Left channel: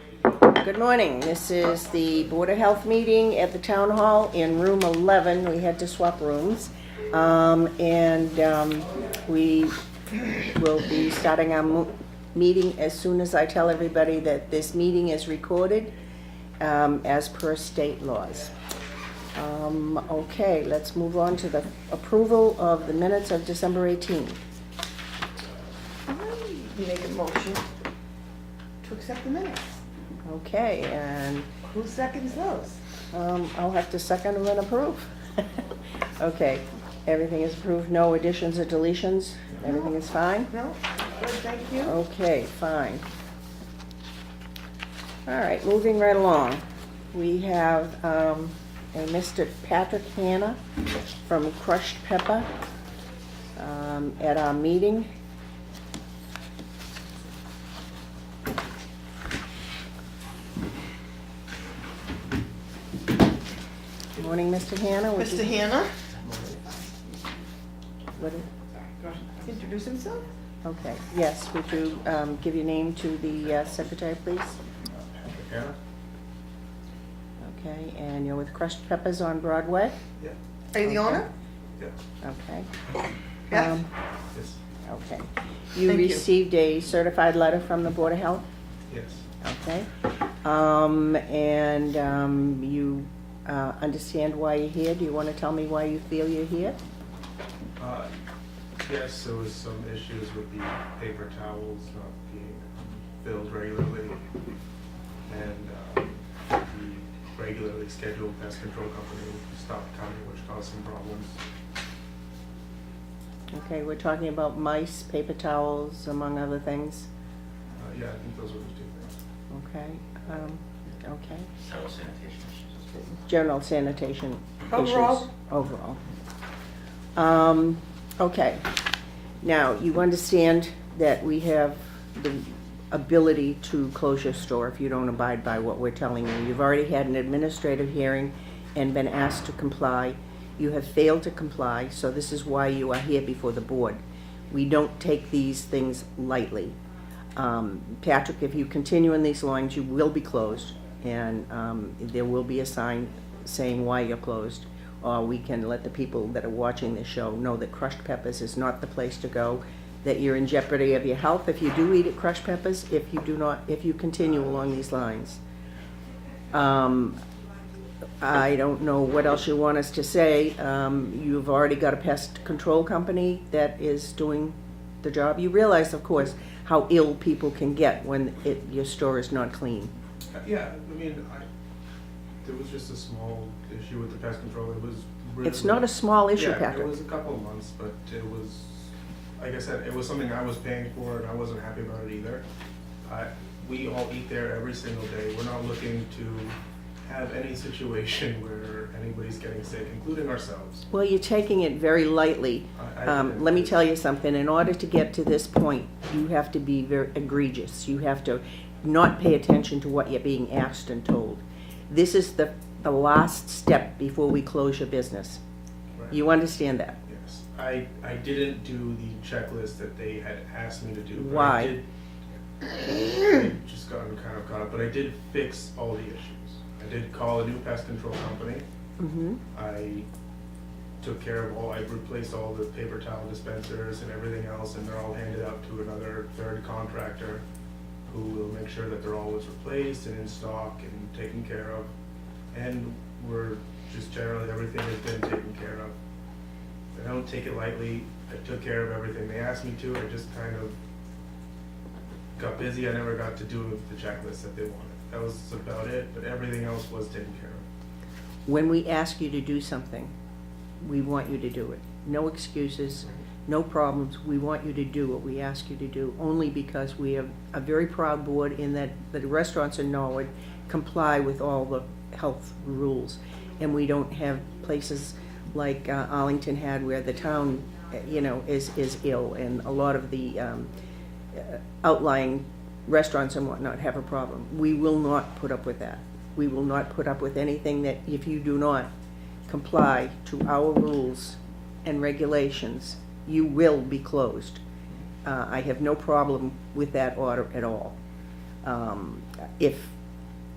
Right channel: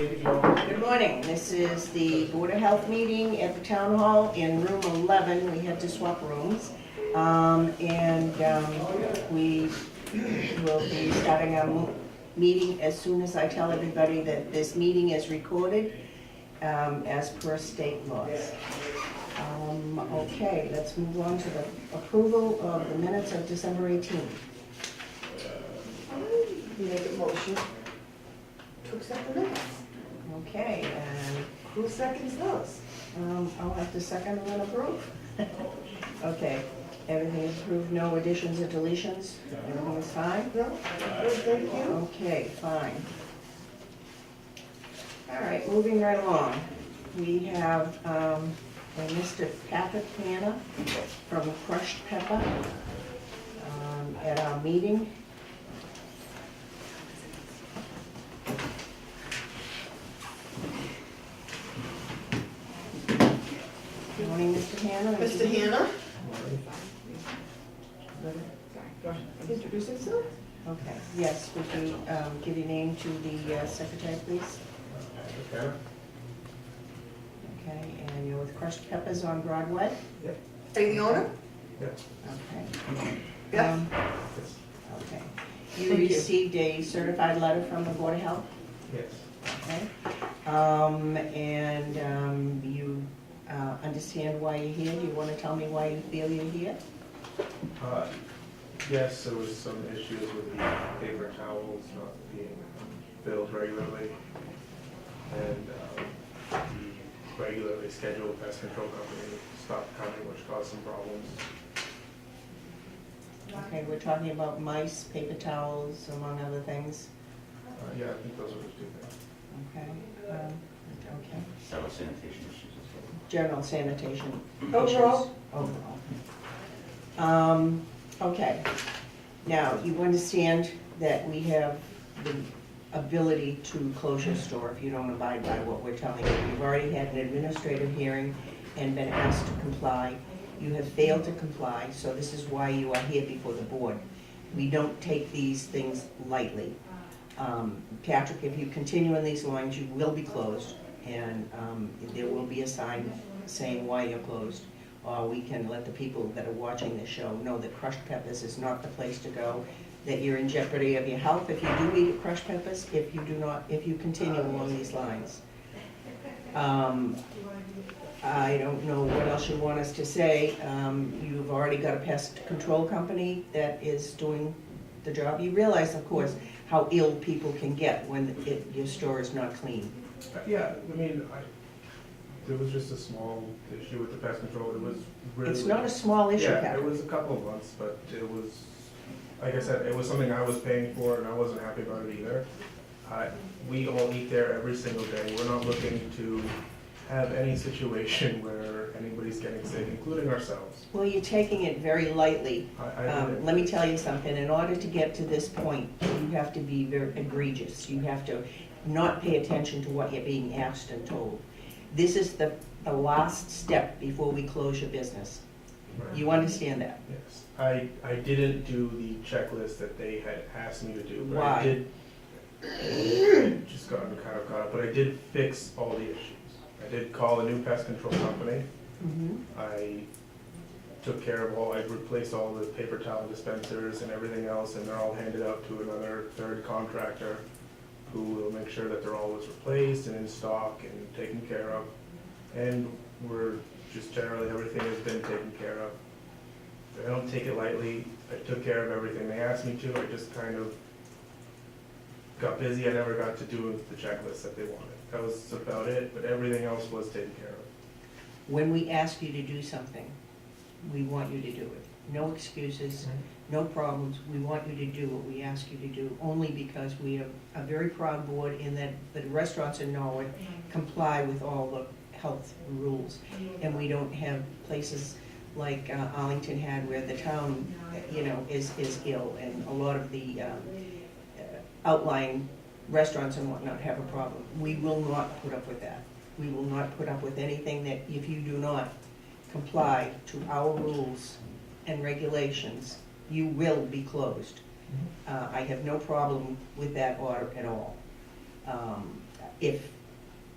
Good morning. This is the Board of Health meeting at the Town Hall in room 11. We had to swap rooms. We will be starting our meeting as soon as I tell everybody that this meeting is recorded as per state laws. Okay, let's move on to the approval of the minutes of December 18th. You made a motion to accept the minutes. Okay, and Who seconds those? I'll have to second and approve. Okay, everything is approved, no additions or deletions, everything is fine? No? Good, thank you. Okay, fine. All right, moving right along. We have a Mr. Patrick Hanna from Crushed Pepper at our meeting. Morning, Mr. Hanna. Mr. Hanna, What- introduce himself. Okay, yes, would you give your name to the secretary, please? Patrick Hanna? Okay, and you're with Crushed Peppers on Broadway? Yeah. Are you the owner? Yeah. Okay. Yes. Yes. Okay. You Thank you. received a certified letter from the Board of Health? Yes. Okay. You understand why you're here? Do you want to tell me why you feel you're here? Yes, there was some issues with the paper towels not being filled regularly. And the regularly scheduled pest control company stopped coming, which caused some problems. Okay, we're talking about mice, paper towels, among other things. Yeah, I think those were the two things. Okay. Okay. General sanitation issues. General sanitation Overall? issues. Overall. Okay. Now, you understand that we have the ability to close your store if you don't abide by what we're telling you. You've already had an administrative hearing and been asked to comply. You have failed to comply, so this is why you are here before the board. We don't take these things lightly. Patrick, if you continue in these lines, you will be closed, and there will be a sign saying why you're closed. Or we can let the people that are watching this show know that Crushed Peppers is not the place to go, that you're in jeopardy of your health if you do eat at Crushed Peppers, if you continue along these lines. I don't know what else you want us to say. You've already got a pest control company that is doing the job. You realize, of course, how ill people can get when your store is not clean. Yeah, I mean, there was just a small issue with the pest control. It was really. It's not a small issue, Yeah, Patrick. it was a couple of months, but it was, like I said, it was something I was paying for and I wasn't happy about it either. We all eat there every single day. We're not looking to have any situation where anybody's getting sick, including ourselves. Well, you're taking it very lightly. Let me tell you something. In order to get to this point, you have to be very egregious. You have to not pay attention to what you're being asked and told. This is the last step before we close your business. Right. You understand that? Yes, I didn't do the checklist that they had asked me to do. But Why? I just gotten kind of caught up, but I did fix all the issues. I did call a new pest control company. Mm-hmm. I took care of I replaced all the paper towel dispensers and everything else, and they're all handed out to another third contractor who will make sure that they're always replaced and in stock and taken care of. And we're just generally, everything has been taken care of. I don't take it lightly. I took care of everything they asked me to. I just kind of got busy. I never got to do the checklist that they wanted. That was about it, but everything else was taken care of. When we ask you to do something, we want you to do it. No excuses, no problems. We want you to do what we ask you to do, only because we have a very proud board in that the restaurants in Norwood comply with all the health rules. And we don't have places like Arlington had where the town, is ill, and a lot of the outlying restaurants and whatnot have a problem. We will not put up with that. We will not put up with anything that, if you do not comply to our rules and regulations, you will be closed. I have no problem with that order at all. if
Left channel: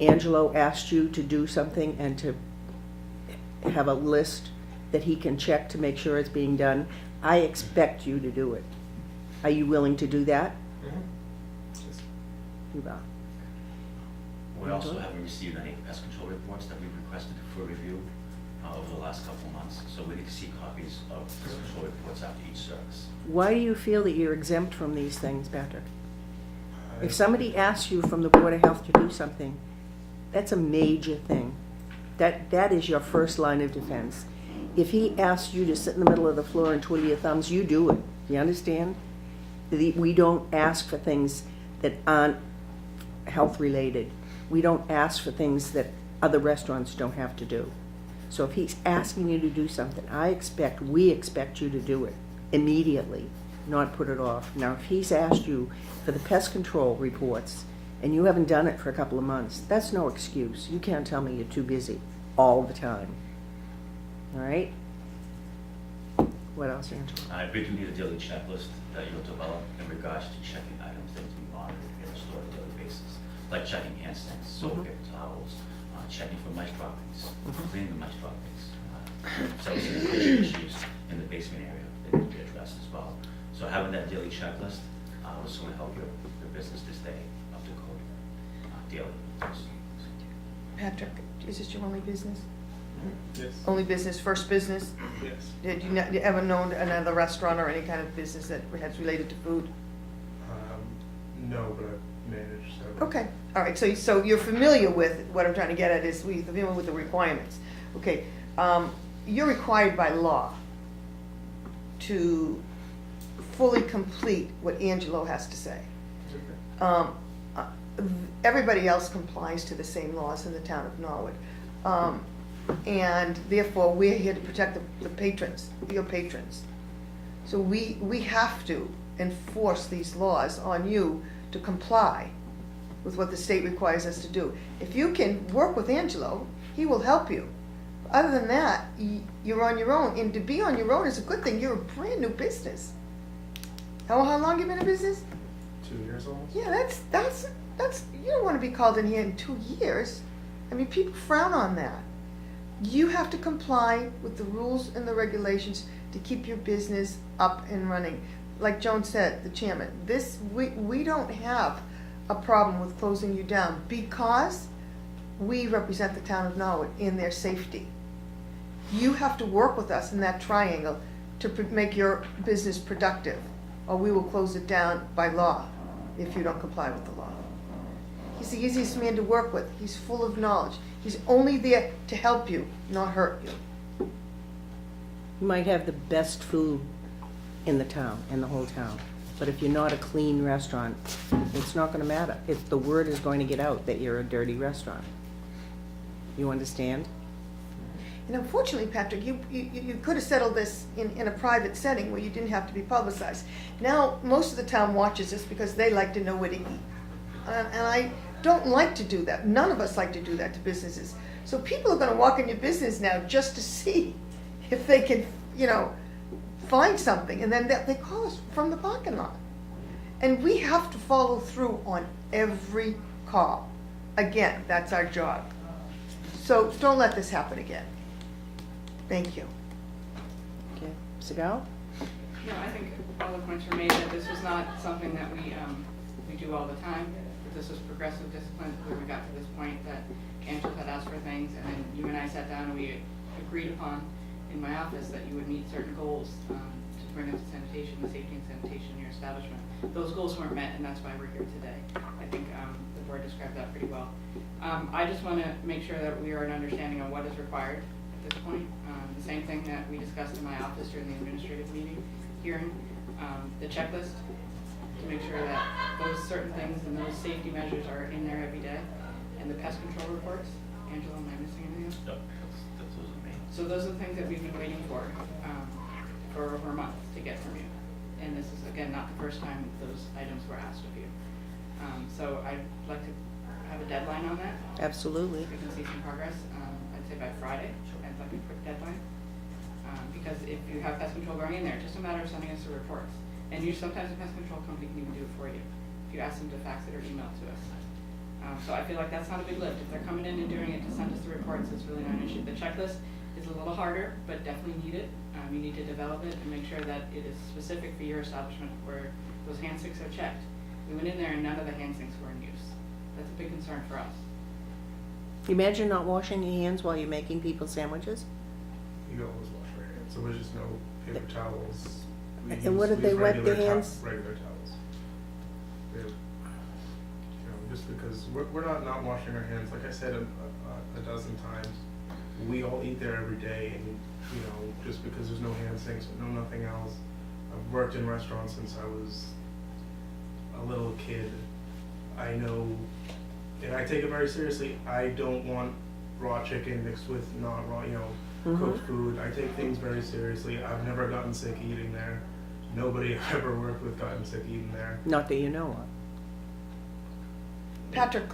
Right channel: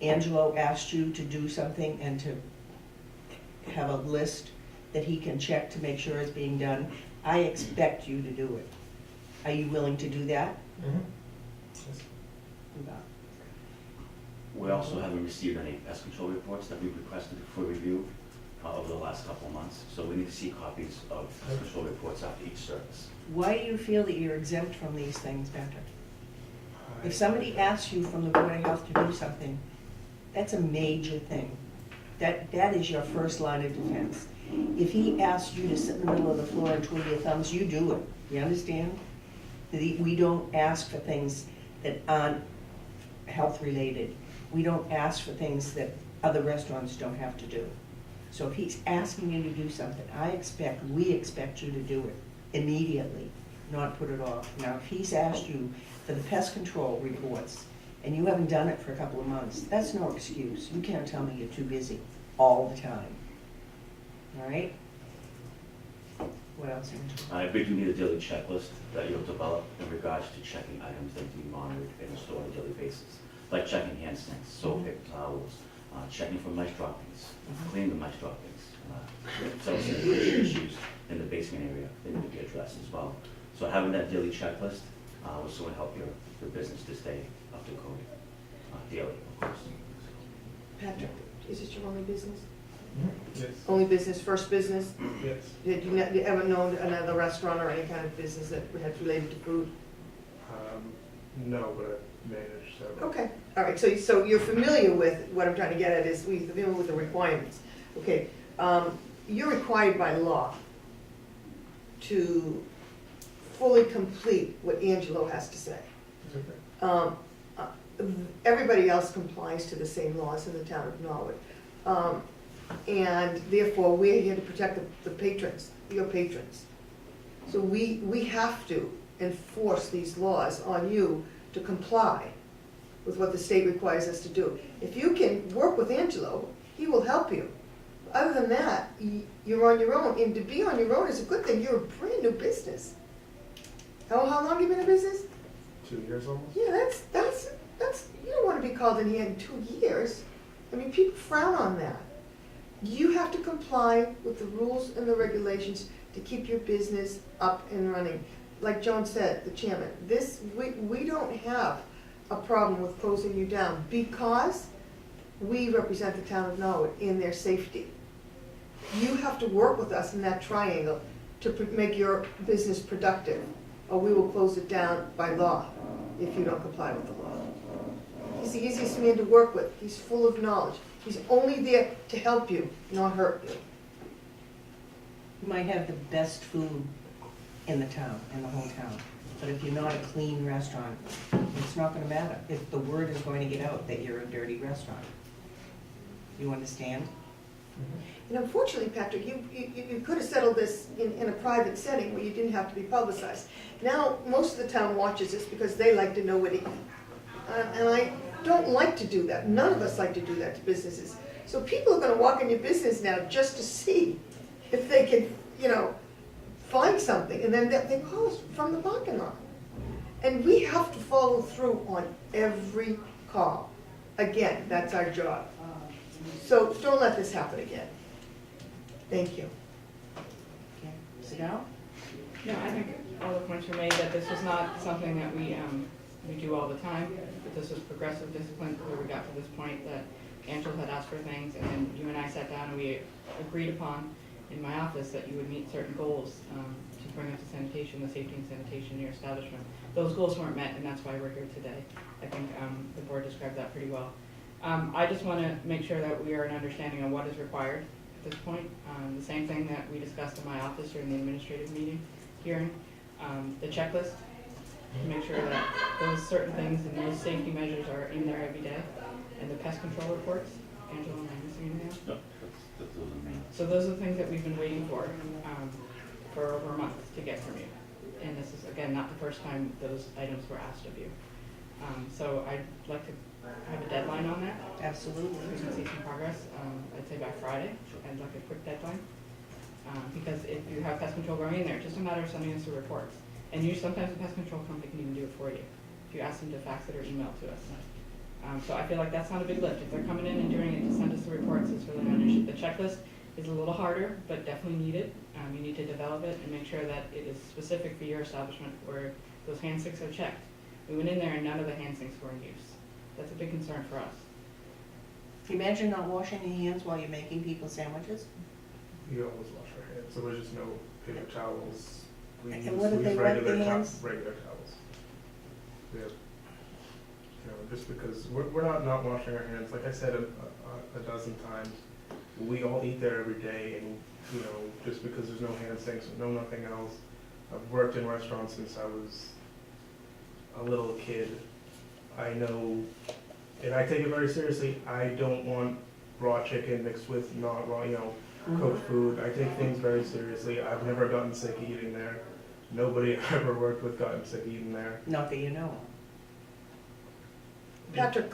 Angelo asked you to do something and to have a list that he can check to make sure it's being done, I expect you to do it. Are you willing to do that? Mhm. You are. We also haven't received any pest control reports that we've requested for review over the last couple of months. So we need to see copies of pest control reports after each service. Why do you feel that you're exempt from these things, Patrick? I- If somebody asks you from the Board of Health to do something, that's a major thing. That is your first line of defense. If he asks you to sit in the middle of the floor and twiddle your thumbs, you do it. You understand? We don't ask for things that aren't health-related. We don't ask for things that other restaurants don't have to do. So if he's asking you to do something, we expect you to do it immediately, not put it off. Now, if he's asked you for the pest control reports and you haven't done it for a couple of months, that's no excuse. You can't tell me you're too busy all the time. All right? What else, Angela? We do need a daily checklist that you'll develop in regards to checking items that to be monitored in the store on a daily basis, like checking hand sinks, soap, paper towels, checking for mice droppings, cleaning the mice droppings, sanitation issues in the basement area that need to be addressed as well. So having that daily checklist will soon help your business to stay up to code daily. Patrick, is this your only business? Mhm. Yes, Only business, first business? yes. Did you ever know another restaurant or any kind of business that's related to food? No, but I've managed several. Okay, all right, so you're familiar with, what I'm trying to get at is, we're familiar with the requirements. Okay, you're required by law to fully complete what Angelo has to say. Okay. Everybody else complies to the same laws in the town of Norwood. And therefore, we're here to protect the patrons, your patrons. So we have to enforce these laws on you to comply with what the state requires us to do. If you can work with Angelo, he will help you. Other than that, you're on your own, and to be on your own is a good thing. You're a brand new business. How long you been in business? 2 years almost? Yeah, that's, you don't wanna be called in here in 2 years. I mean, people frown on that. You have to comply with the rules and the regulations to keep your business up and running. Like Joan said, the chairman, we don't have a problem with closing you down because we represent the town of Norwood in their safety. You have to work with us in that triangle to make your business productive, or we will close it down by law if you don't comply with the law. He's the easiest man to work with. He's full of knowledge. He's only there to help you, not hurt you. You might have the best food in the town, in the whole town, but if you're not a clean restaurant, it's not gonna matter. The word is going to get out that you're a dirty restaurant. You understand? And unfortunately, Patrick, you could have settled this in a private setting where you didn't have to be publicized. Now, most of the town watches this because they like to know what he, and I don't like to do that. None of us like to do that to businesses. So people are gonna walk in your business now just to see if they can, find something, and then they call us from the parking lot. And we have to follow through on every call. Again, that's our job. So don't let this happen again. Thank you. Okay, Sigal? No, I think all the points were made that this was not something that we do all the time. But this was progressive discipline where we got to this point that Angela had asked for things, and then you and I sat down and we agreed upon in my office that you would meet certain goals to bring up to sanitation, the safety and sanitation in your establishment. Those goals weren't met, and that's why we're here today. I think the board described that pretty well. I just want to make sure that we are an understanding on what is required at this point. The same thing that we discussed in my office during the administrative hearing, the checklist, to make sure that those certain things and those safety measures are in there every day, and the pest control reports. Angela, am I missing anything else? No, that's those are main. So those are the things that we've been waiting for over a month to get from you. And this is, again, not the first time those items were asked of you. So I'd like to have a deadline on that. Absolutely. We can see some progress, I'd say by Friday. I'd like a quick deadline. Because if you have pest control going in there, it's just a matter of sending us the reports. And sometimes the pest control company can even do it for you. If you ask them to fax it or email it to us. So I feel like that's not a big lift. If they're coming in and doing it to send us the reports, it's really not an issue. The checklist is a little harder, but definitely needed. You need to develop it and make sure that it is specific for your establishment where those hand sinks are checked. We went in there and none of the hand sinks were in use. That's a big concern for us. Imagine not washing your hands while you're making people sandwiches. You always wash your hands, so there's just no paper towels. And what did they wet their hands? Regular towels. We have, you know, just because we're not washing our hands, like I said a dozen times, we all eat there every day, and, you know, just because there's no hand sinks, no nothing else. I've worked in restaurants since I was a little kid. I know, and I take it very seriously, I don't want raw chicken mixed with not raw, you know, cooked food. I take things very seriously. I've never gotten sick eating there. Nobody I've ever worked with gotten sick eating there. Not that you know of. Patrick,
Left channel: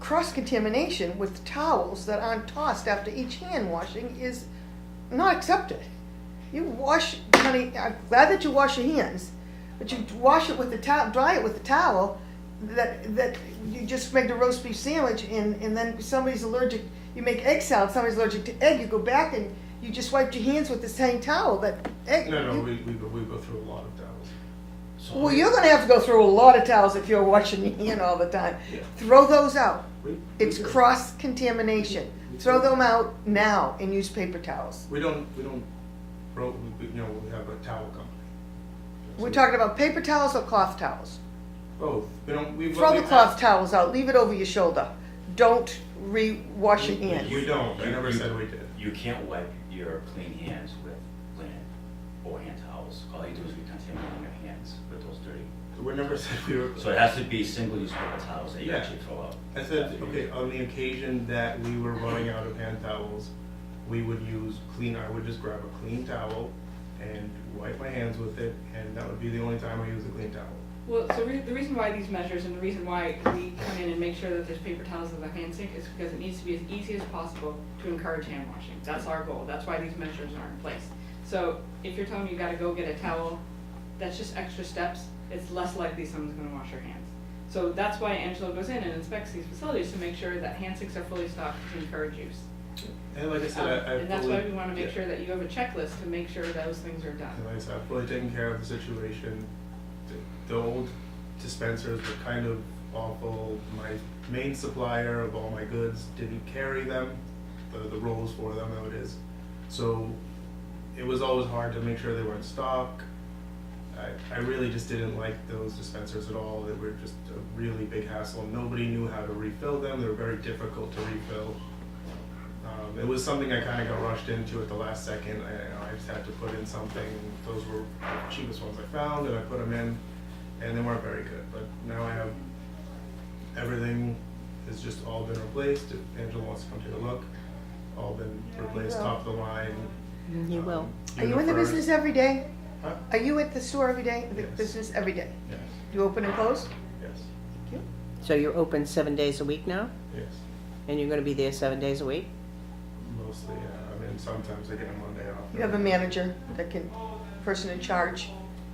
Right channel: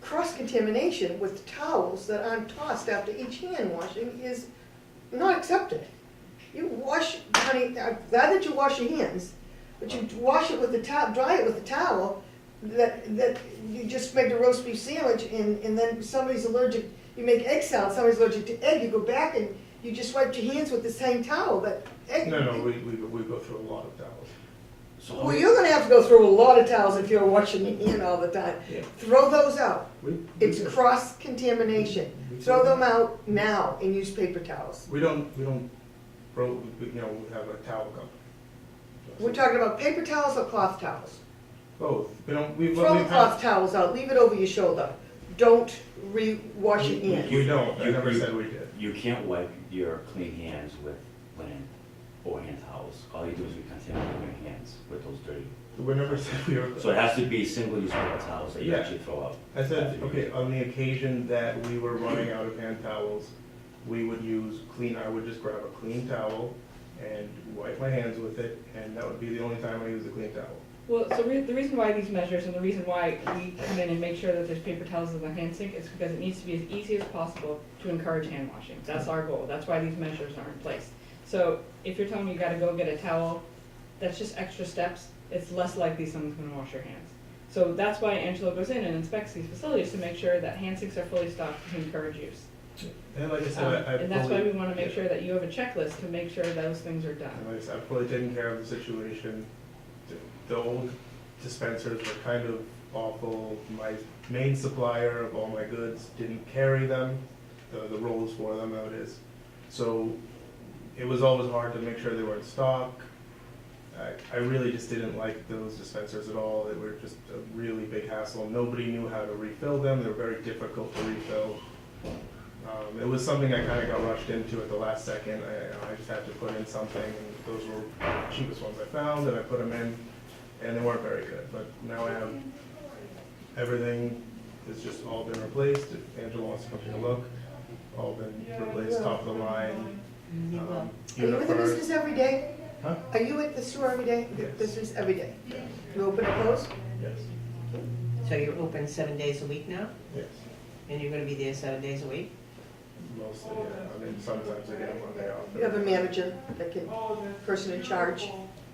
cross-contamination with towels that aren't tossed after each hand washing is not accepted. You wash, honey, I'm glad that you wash your hands, but you wash it with the towel, dry it with the towel, that you just make a roast beef sandwich and then somebody's allergic, you make egg salad, somebody's allergic to egg, you go back and you just wipe your hands with the same towel, that egg. No, we go through a lot of towels. So Well, you're gonna have to go through a lot of towels if you're washing your hand all the time. Yeah. Throw those out. We It's do. cross-contamination. Throw them out now and use paper towels. We don't, you know, we have a towel company. We're talking about paper towels or cloth towels. Both. Throw the cloth towels out, leave it over your shoulder. Don't wash your hands. We don't. I never You- said we did. You can't wipe your clean hands with linen or hand towels. All you do is recontaminate your hands with those dirty. We never said we were. So it has to be single-use paper towels that you Yeah. actually throw out. I said, okay, on the occasion that we were running out of hand towels, we would use I would just grab a clean towel and wipe my hands with it, and that would be the only time I use a clean towel. Well, so the reason why these measures and the reason why we come in and make sure that there's paper towels in the hand sink is because it needs to be as easy as possible to encourage hand washing. That's our goal. That's why these measures are in place. So if you're telling me you gotta go get a towel, that's just extra steps. It's less likely someone's gonna wash their hands. So that's why Angela goes in and inspects these facilities to make sure that hand sinks are fully stocked to encourage use. And like I said, And that's why we wanna make sure that you have a checklist to make sure those things are done. And like I said, I've fully taken care of the situation. The old dispensers were kind of awful. My main supplier of all my goods didn't carry them, the rolls for them, though it is. So it was always hard to make sure they were in stock. I really just didn't like those dispensers at all. They were just a really big hassle. Nobody knew how to refill them. They were very difficult to refill. It was something I kind of got rushed into at the last second. I just had to put in something, and those were the cheapest ones I found, and I put them in, and they weren't very good. But now I have everything has just all been replaced. If Angela wants to come take a look, all been replaced, top of the line. You will. Are you in the Unifer- business every day? Huh? Are you at the store every day? The Yes. business every day? Yes, You open and close? yes, So you're open 7 days a week now? yes. And you're gonna be there 7 days a week? Mostly, yeah. I mean, sometimes I get a Monday off. You have a manager that can, person in charge,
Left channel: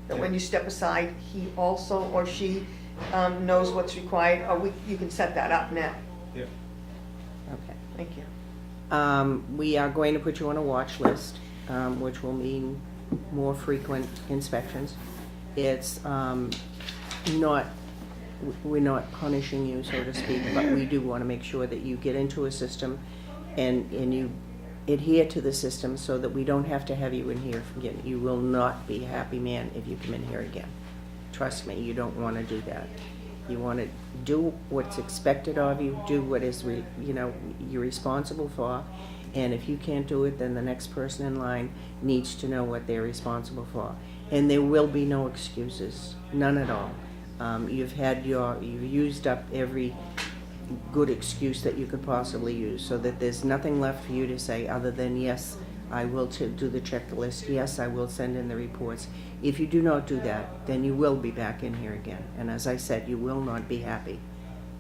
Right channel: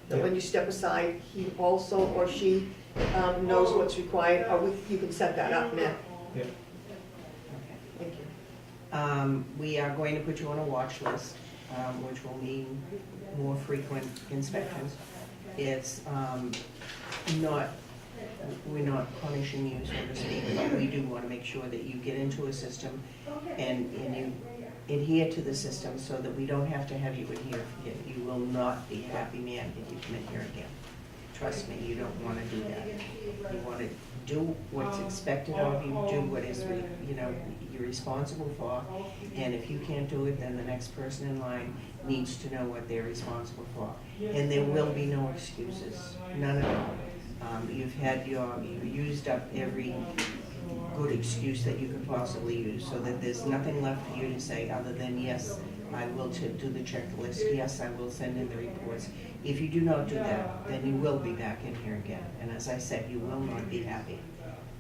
that when you step aside, he also or she knows what's required, or you can set that up now. Yeah. Okay. Thank you. We are going to put you on a watch list, which will mean more frequent inspections. It's we're not punishing you, so to speak, but we do want to make sure that you get into a system and you adhere to the system so that we don't have to have you in here again. You will not be a happy man if you come in here again. Trust me, you don't want to do that. You want to do what's expected of you, do what is, you're responsible for, and if you can't do it, then the next person in line needs to know what they're responsible for. And there will be no excuses, none at all. You've used up every good excuse that you could possibly use, so that there's nothing left for you to say other than, yes, I will do the checklist, yes, I will send in the reports. If you do not do that, then you will be back in here again. And as I said, you will not be happy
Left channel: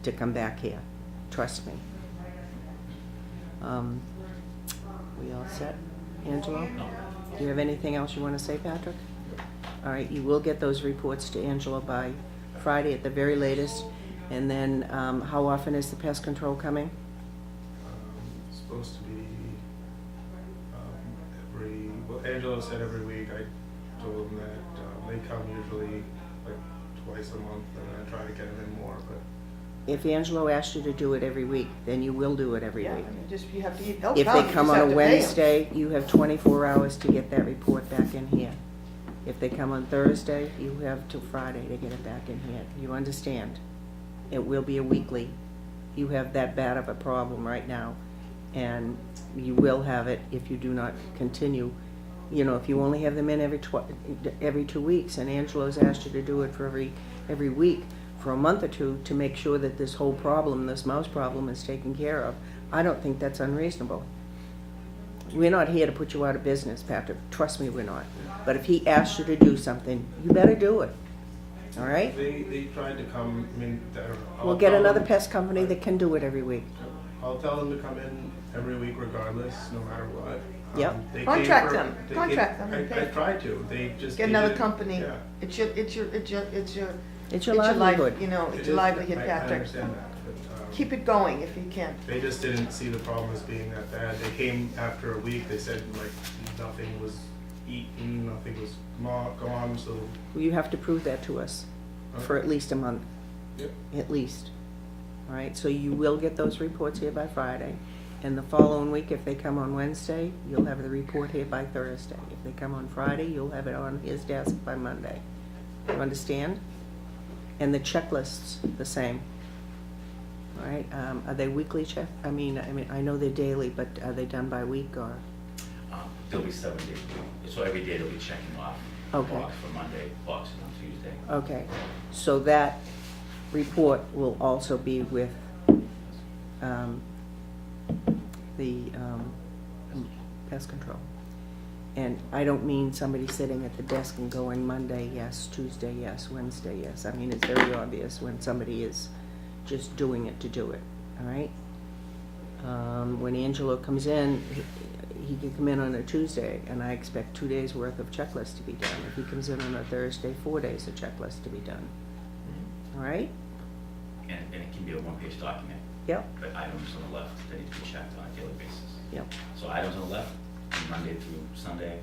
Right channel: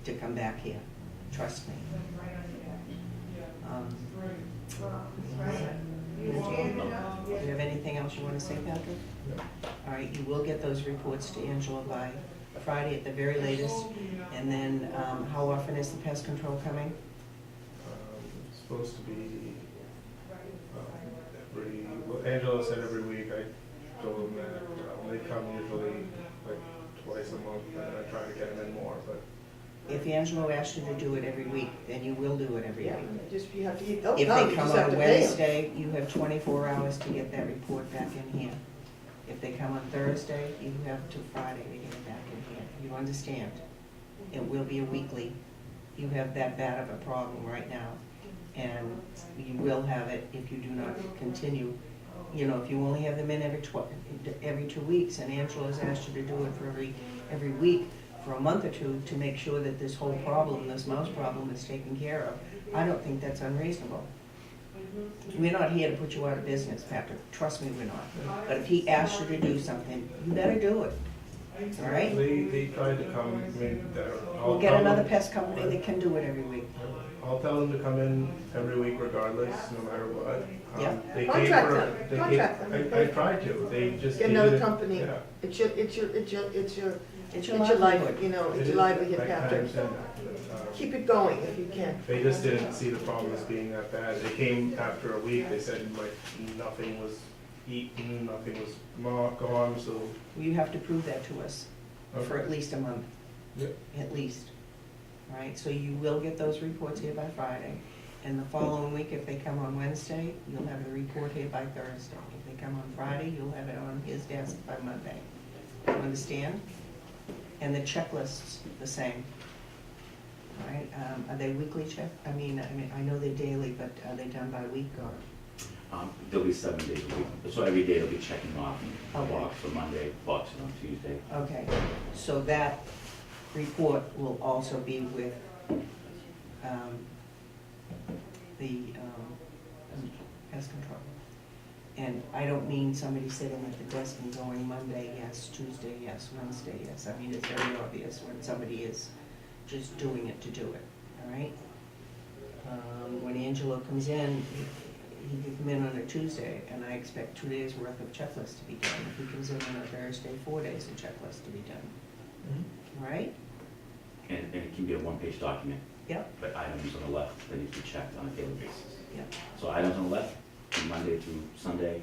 to come back here, trust me. We all set? Angela? Do you have anything else you want to say, Patrick? All right, you will get those reports to Angela by Friday at the very latest. And then, how often is the pest control coming? It's supposed to be, well, Angela said every week. I told them that, they come usually like twice a month, and I try to get them in more, but If Angelo asks you to do it every week, then you will do it every Yeah, week. just, you have to, they'll If come, they you come just have on a to pay 'em. Wednesday, you have 24 hours to get that report back in here. If they come on Thursday, you have till Friday to get it back in here. You understand? It will be a weekly. You have that bad of a problem right now, and you will have it if you do not continue. You know, if you only have them in every 2 weeks, and Angelo's asked you to do it for every week for a month or two to make sure that this whole problem, this mouse problem, is taken care of, I don't think that's unreasonable. We're not here to put you out of business, Patrick. Trust me, we're not. But if he asks you to do something, you better do it. All right? they tried to come, I mean, We'll get another pest company that can do it every week. I'll tell them to come in every week regardless, no matter what. Yep. They Contract came for- them. they Contract came- them. I tried to, they just. Get they another didn't- company. Yeah. It's your It's your life, livelihood. you know, It it's is- your livelihood, I Patrick. understand that. Keep it going if you can. They just didn't see the problem as being that bad. They came after a week, they said like nothing was eaten, nothing was gone, so. You have to prove that to us for at least a month. Yep. At least. All right, so you will get those reports here by Friday. And the following week, if they come on Wednesday, you'll have the report here by Thursday. If they come on Friday, you'll have it on his desk by Monday. You understand? And the checklist's the same. All right, are they weekly I mean, I know they're daily, but are they done by week or? There'll be 7 days a week, so every day they'll be checking off. Okay. Box for Monday, boxes on Tuesday. Okay, so that report will also be with the pest control. And I don't mean somebody sitting at the desk and going Monday, yes, Tuesday, yes, Wednesday, yes. I mean, it's very obvious when somebody is just doing it to do it, all right? When Angelo comes in, he can come in on a Tuesday, and I expect 2 days' worth of checklist to be done. If he comes in on a Thursday, 4 days of checklist to be done, all right? And it can be a one-page document, Yep, but items on the left that need to be checked on a daily basis. yep. So items on the left, from Monday through Sunday,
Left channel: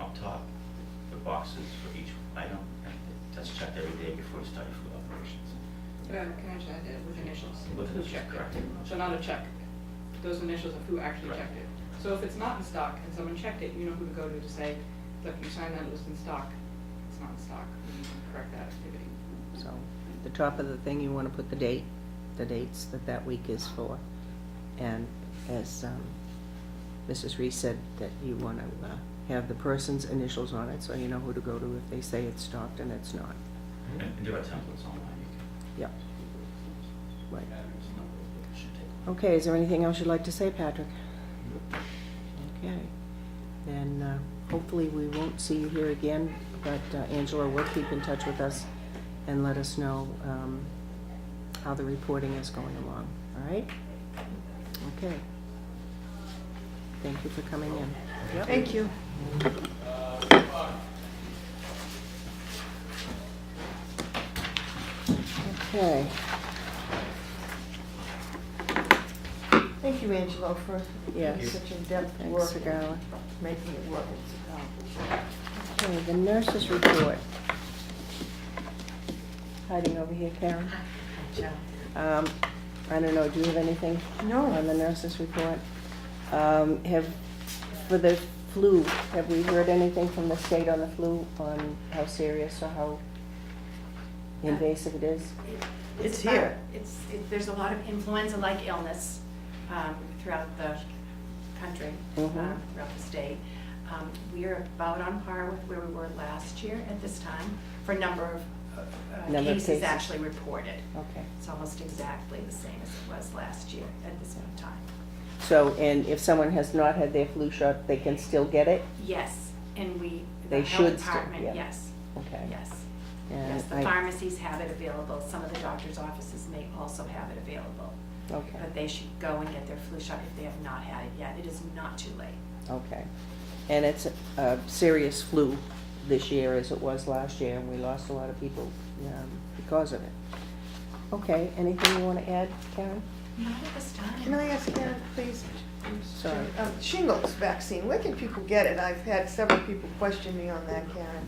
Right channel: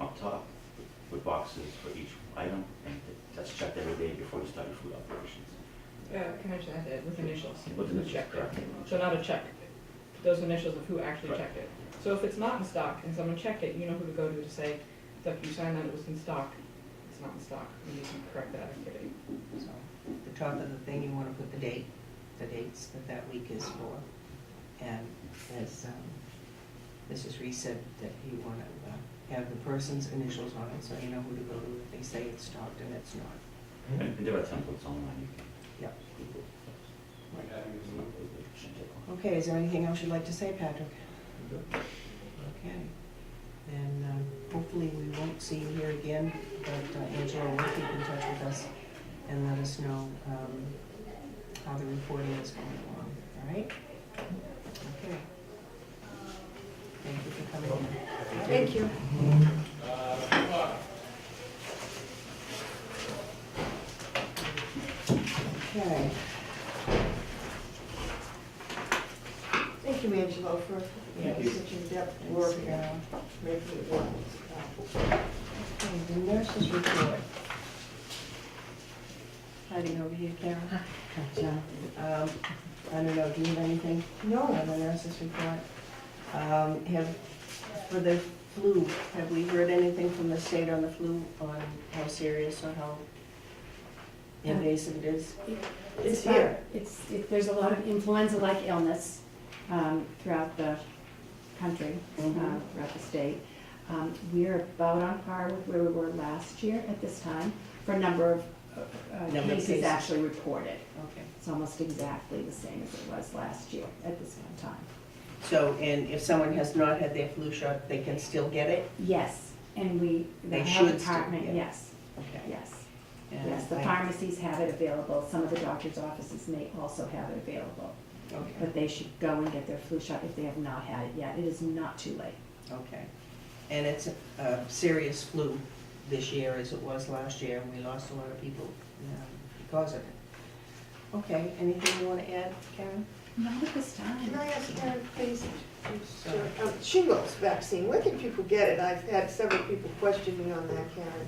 up top, with boxes for each item, and that's checked every day before you start your food operations. Can I just add that with initials? With Who initials, checked it? correct. So not a check, those initials of who actually Right. checked it. So if it's not in stock and someone checked it, you know who to go to say, look, you signed that it was in stock, it's not in stock, we need to correct that activity. So, the top of the thing, you wanna put the dates that week is for. And as Mrs. Reese said, that you wanna have the person's initials on it, so you know who to go to if they say it's stocked and it's not. And there are templates online. You can- Yep. Right. Shouldn't take long. Okay, is there anything else you'd like to say, Patrick? Okay, then hopefully we won't see you here again, but Angela will keep in touch with us and let us know how the reporting is going along, all right? Okay. Thank you for coming in. Thank you. Okay. Thank you, Angelo, for Yes. such in-depth Thanks, work Carol. and making it work. Okay, the nurses report. Hiding over here, Karen. I don't know, do you have anything No. on the nurses report? For the flu, have we heard anything from the state on the flu, on how serious or how invasive it is? It's here. There's a lot of influenza-like illness throughout the country, Mhm. throughout the state. We're about on par with where we were last year at this time for number of Number of cases cases. actually reported. Okay. It's almost exactly the same as it was last year at this one time. So, and if someone has not had their flu shot, they can still get it? Yes, and the They health should still, department, yeah. yes, Okay. yes. And Yes, the I- pharmacies have it available. Some of the doctor's offices may also have it available. Okay, But they should go and get their flu shot if they have not had it yet. It is not too late. okay. And it's a serious flu this year as it was last year, and we lost a lot of people because of it. Okay, anything you wanna add, Karen? Not at this Can time. I ask Karen, please? Sorry. Shingles vaccine, where can people get it? I've had several people question me on that, Karen.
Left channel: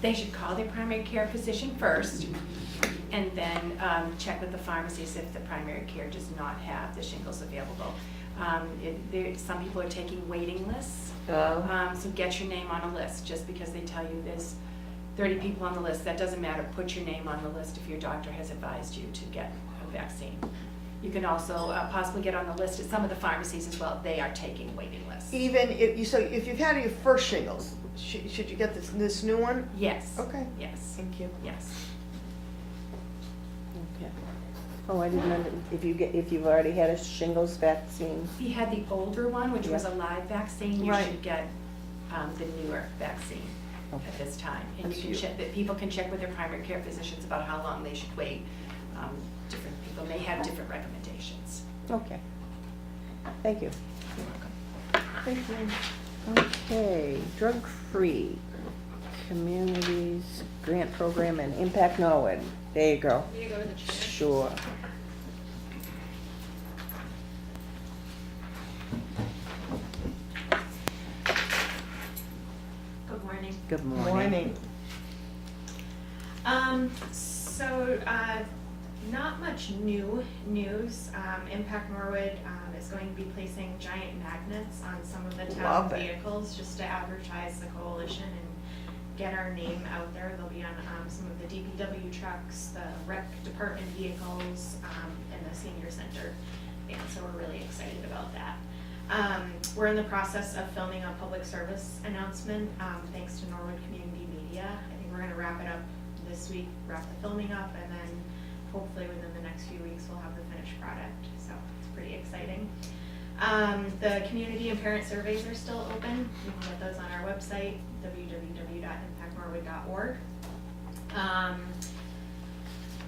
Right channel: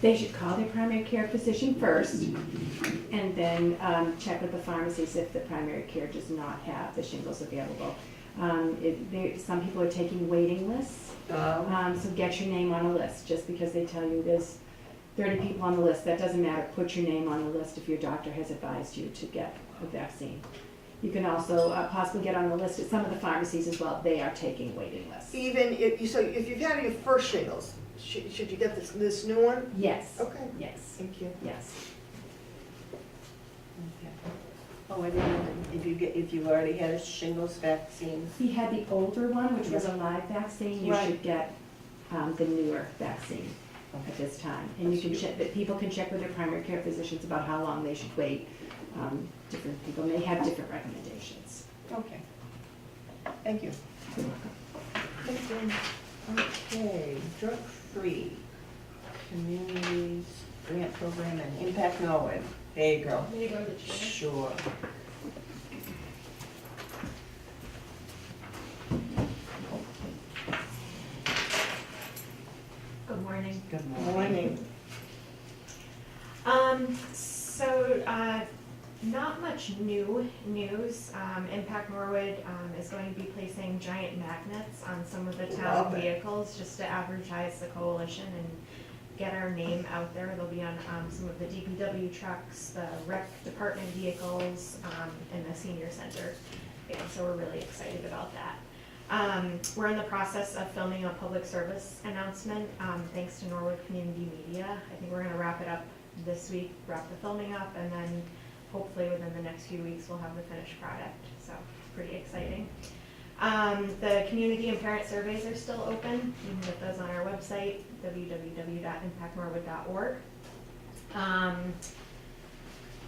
They should call their primary care physician first, and then check with the pharmacies if the primary care does not have the shingles available. Some people are taking waiting lists, so get your name on a list. Just because they tell you there's 30 people on the list, that doesn't matter. Put your name on the list if your doctor has advised you to get a vaccine. You can also possibly get on the list at some of the pharmacies as well. They are taking waiting lists. Even if you've had your first shingles, should you get this new one? Yes. Okay. Yes. Thank you. Yes. Okay. Oh, I didn't know that if you've already had a shingles vaccine. If you had the older one, which was a live vaccine, you Right. should get the newer vaccine at this time. And you can check, that people can check with their primary care physicians about how long they should wait. Different people may have different recommendations. Okay. Thank you. You're welcome. Thank you. Okay, drug-free communities grant program and Impact Norwood. There you go. Can you go to the chair? Sure. Good morning. Good morning. Morning. Not much new news. Impact Norwood is going to be placing giant magnets on some of the town Love it. vehicles just to advertise the coalition and get our name out there. They'll be on some of the DPW trucks, the rec department vehicles, and the senior center. And so we're really excited about that. We're in the process of filming a public service announcement, thanks to Norwood Community Media. I think we're gonna wrap it up this week, wrap the filming up, and then hopefully within the next few weeks, we'll have the finished product, so it's pretty exciting. The community and parent surveys are still open. You can get those on our website, www.impactnorwood.org.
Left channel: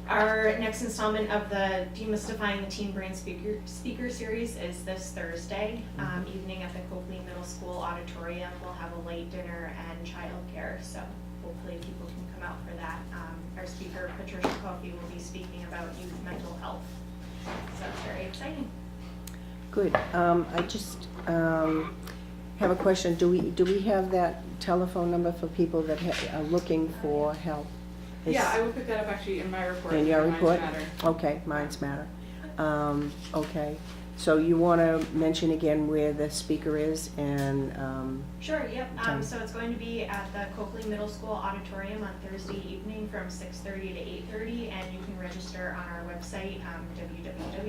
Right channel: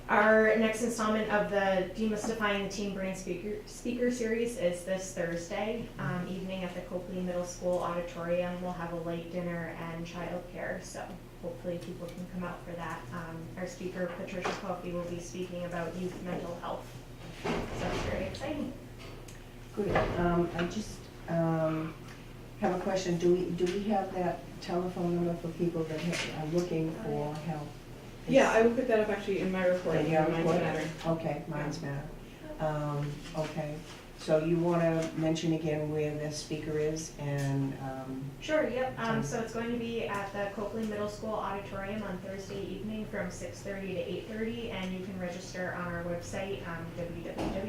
Our next installment of the Demystifying Teen Brain Speaker Series is this Thursday evening at the Copley Middle School Auditorium. We'll have a late dinner and childcare, so hopefully people can come out for that. Our speaker, Patricia Coffey, will be speaking about youth mental health, so it's very exciting. Good. I just have a question. Do we have that telephone number for people that are looking for help? Yeah, I will put that up actually in my report. In your Mine's report? Matter. Okay, minds matter. Okay, so you want to mention again where the speaker is and, Sure, yep. Okay. So it's going to be at the Copley Middle School Auditorium on Thursday evening from 6:30 to 8:30, and you can register on our website,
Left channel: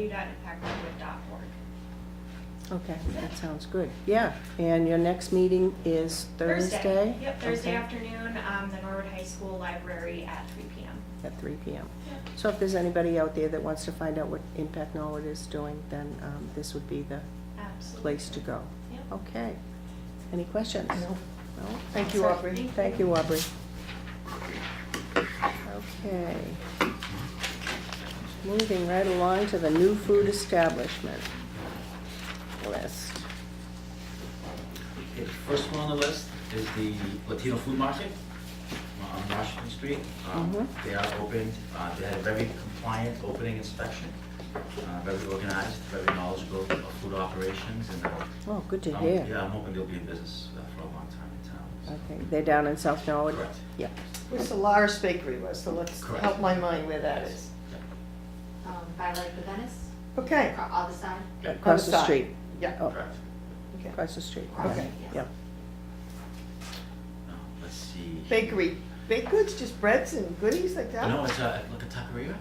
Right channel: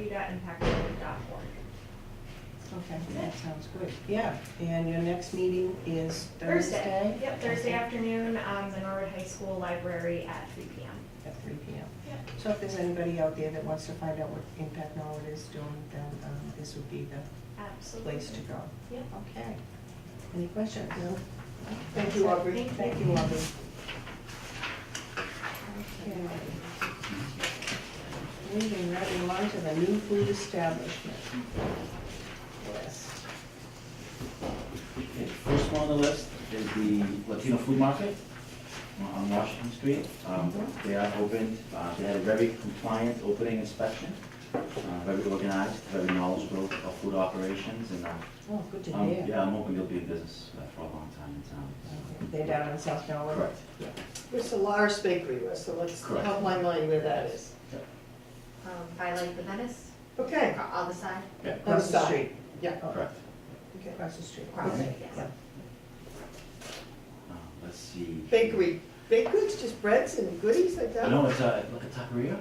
www.impactnorwood.org. okay, that sounds good. Yeah, and your next meeting is Thursday? Yep, Thursday Okay. afternoon, the Norwood High School Library at 3 p.m. At 3 p.m. Yep. So if there's anybody out there that wants to find out what Impact Norwood is doing, then this would be the Absolutely. place to go. Yep. Okay. Any questions? No? Thank you, Aubrey. Thank you, Aubrey. Okay. Moving right along to the new food establishment list. Okay, first one on the list is the Latino Food Market on Washington Street. Mhm. They are open, they had a very compliant opening inspection, very organized, very knowledgeable of food operations, and Oh, good to hear. yeah, I'm hoping they'll be in business for a long time in town. Okay, they're down in South Norwood? Correct. Yeah. Where's the Lars Bakery was, so let's Correct. help my mind where that Yes. is. Yep. By like the Venice, Okay, other side. Yeah, Across the side. street. yeah, Oh, correct. okay. across the street. Okay. Yes. Yep. Let's see. Bakery, baked goods, just breads and goodies like that? No, it's like a taqueria.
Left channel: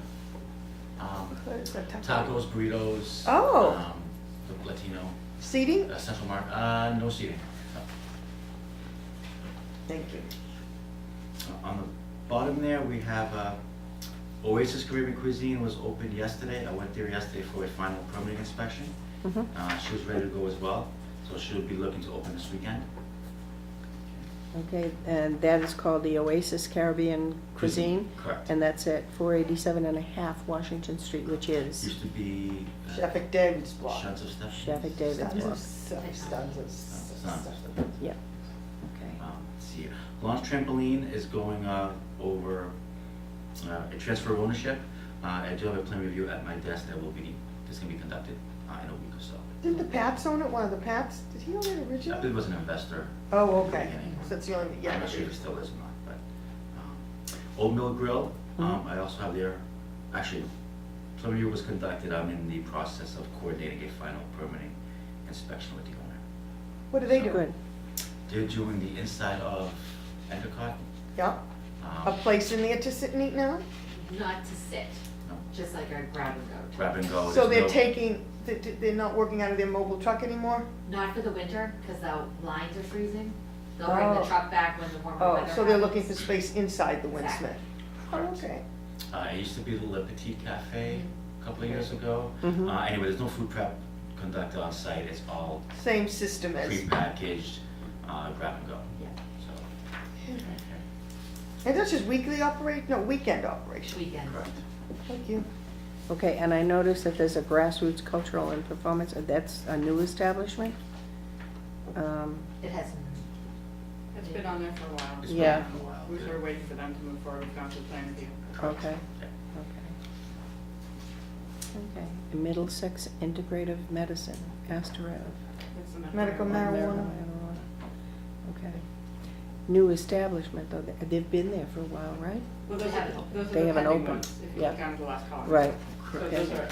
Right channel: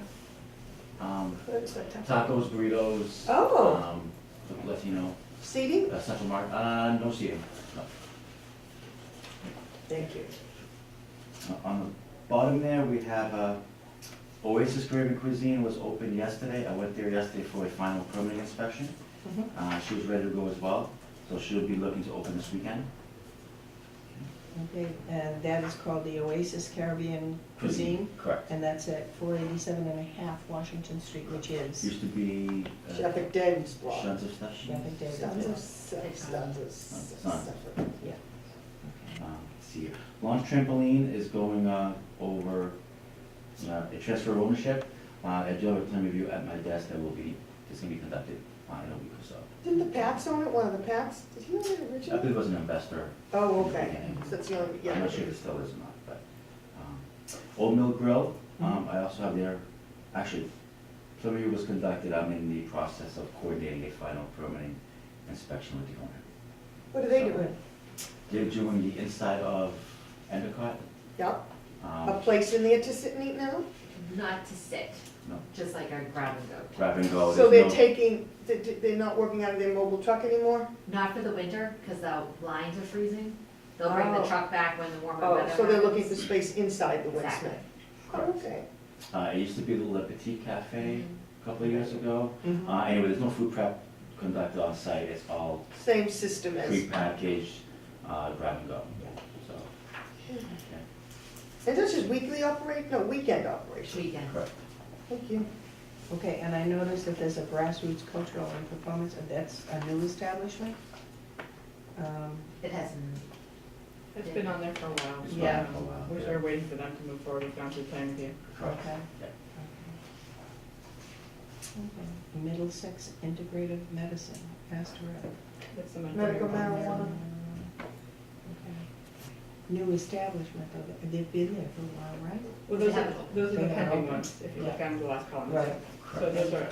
Good, a taco. Tacos, burritos. Oh. Latino, Seating? Central Market, no seating, no. Thank you. On the bottom there, we have Oasis Caribbean Cuisine was opened yesterday. I went there yesterday for a final permitting inspection. Mhm. She was ready to go as well, so she'll be looking to open this weekend. Okay, and that is called the Oasis Caribbean Cuisine, Correct. and that's at 487 and a half Washington Street, which is Used to be. Chef David's block. Shuns of Stuff. Chef David's block. Yeah. Okay. Let's see here. Launch Trampoline is going over a transfer of ownership. I do have a plan review at my desk that's gonna be conducted in a week or so. Didn't the Pats own it, one of the Pats? Did he own it I believe originally? it was an investor. Oh, okay, so that's the only, yeah. I'm not sure if it still is or not, but, Old Mill Grill, I also have their, actually, plan review was conducted, I'm in the process of coordinating a final permitting inspection with the owner. What do they do? Good. They're doing the inside of Endicott. Yep, a place in there to sit and eat now? Not to sit, No, just like a grab and go. grab and go. So There's they're no- taking, they're not working out of their mobile truck anymore? Not for the winter, because the lines are freezing. They'll bring Oh. the truck back when the warmer Oh, weather so they're looking for happens. space inside the Exactly. Winsmith? Oh, okay. It used to be the Le Petit Cafe a couple of years ago. Mhm. Anyway, there's no food prep conducted on site, it's all Same system as, prepackaged, grab and go. Yeah. So, okay, and that's just weekly operation, no, weekend operation? Weekend. correct. Thank you. Okay, and I noticed that there's a grassroots cultural and performance, that's a new establishment? It hasn't, It's been on there for a while. It's Yeah. been a while, We're yeah. sort of waiting for them to move forward, we've gone through plan review. Correct. Okay. Yeah. Okay. Middlesex Integrative Medicine, Astor Ave. That's the Medical marijuana. Okay. New establishment, though, they've been there for a while, right? Well, They haven't opened. those are They the haven't pending opened. ones, if you Yeah. look down the last column. Right. So those are,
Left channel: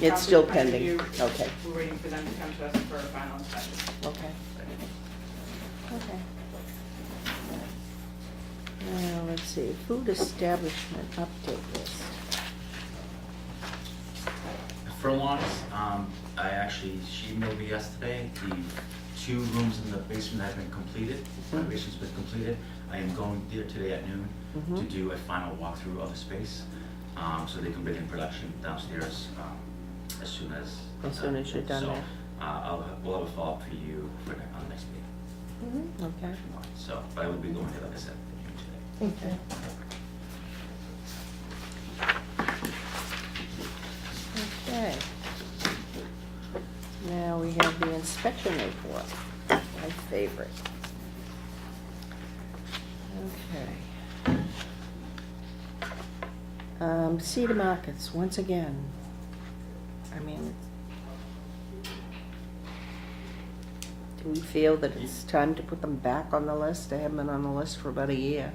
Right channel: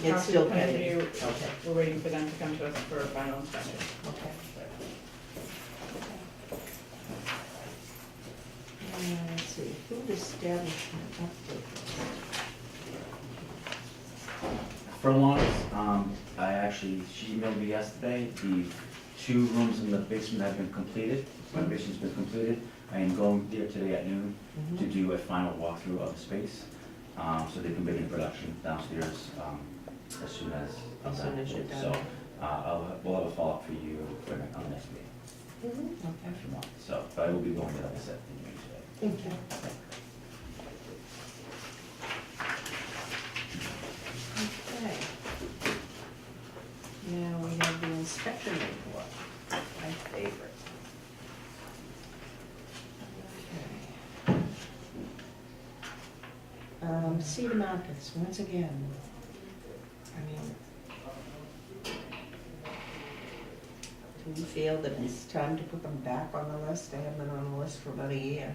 It's still gone through plan pending. review. Okay. We're waiting for them to come to us for a final inspection. Okay. Okay. Now, let's see, food establishment update list. Furlongs, she emailed me yesterday, the 2 rooms in the basement have been completed, the Mhm. basement's been completed. I am going there today at noon to Mhm. do a final walkthrough of the space, so they can begin production downstairs, as soon as. As soon as you're done So, there. we'll have a follow-up for you on the next meeting, Mhm. Okay. if you want, so, but I will be going there, like I said, today. Thank you. Okay. Now we have the inspection report, my favorite. Okay. Cedar Markets, once again. I mean, do we feel that it's time to put them back on the list? They haven't been on the list for about a year.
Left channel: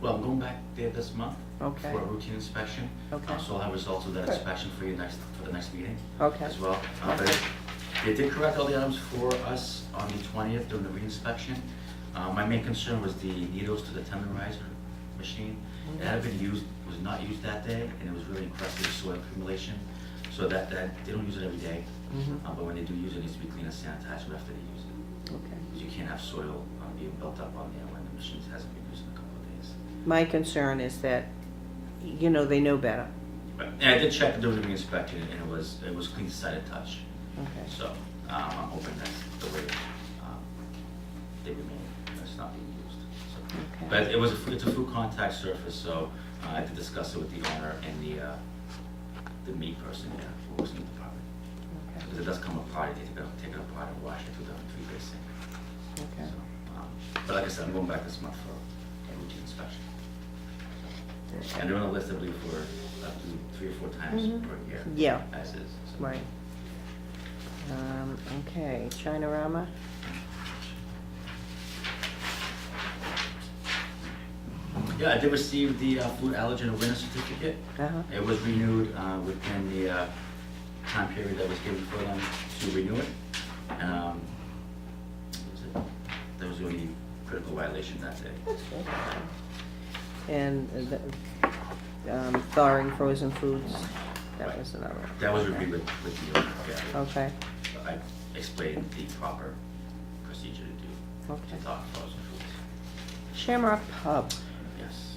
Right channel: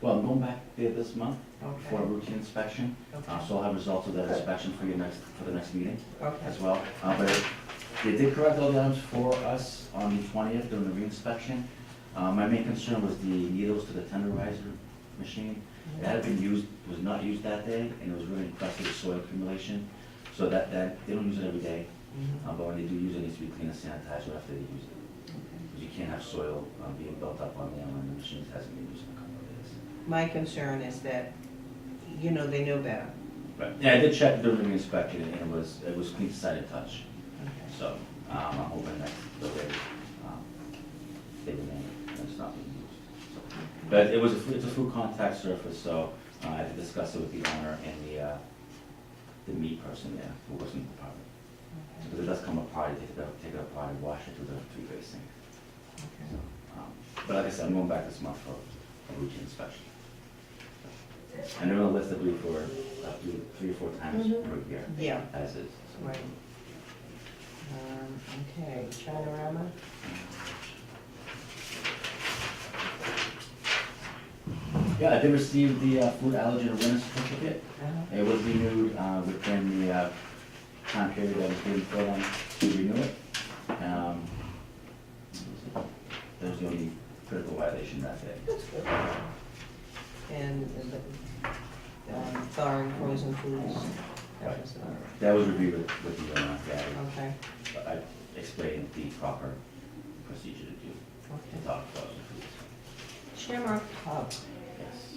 Well, I'm going back there this month Okay. for a routine inspection. Okay. So I'll have results of that Good. inspection for the next meeting Okay. as well. But they did correct all the items for us on the 20th during the re-inspection. My main concern was the needles to the tenderizer machine. It had been used, was not used that day, and it was really encrusted with soil accumulation. So that they don't use it every day, Mhm. but when they do use it, it needs to be cleaned and sanitized right after they use it. Okay. Because you can't have soil being built up on there when the machine hasn't been used in a couple of days. My concern is that, they know better. But, yeah, I did check during the inspection, and it was clean sight and touch. Okay. So, I'm hoping that the way, they remain, it's not being used. So, Okay. but it's a food contact surface, so, I had to discuss it with the owner and the meat person there who was in the department. Okay. Because it does come apart, you take it apart and wash it through the 3-bay sink. Okay. So, but like I said, I'm going back this month for a routine inspection. So, and they're on the list, I believe, for up to 3 or 4 times Mhm. per year. Yeah. As is. So. Right. Okay, Chinorama? Yeah, I did receive the food allergen awareness certificate. Uh-huh. It was renewed within the time period that was given for them to renew it. What was it? There was the only critical violation that day. And thawing frozen foods, that Right. was another. That was reviewed with the owner, yeah. Okay, But I explained the proper procedure to do okay. to thaw frozen foods. Shamrock Pub, Yes.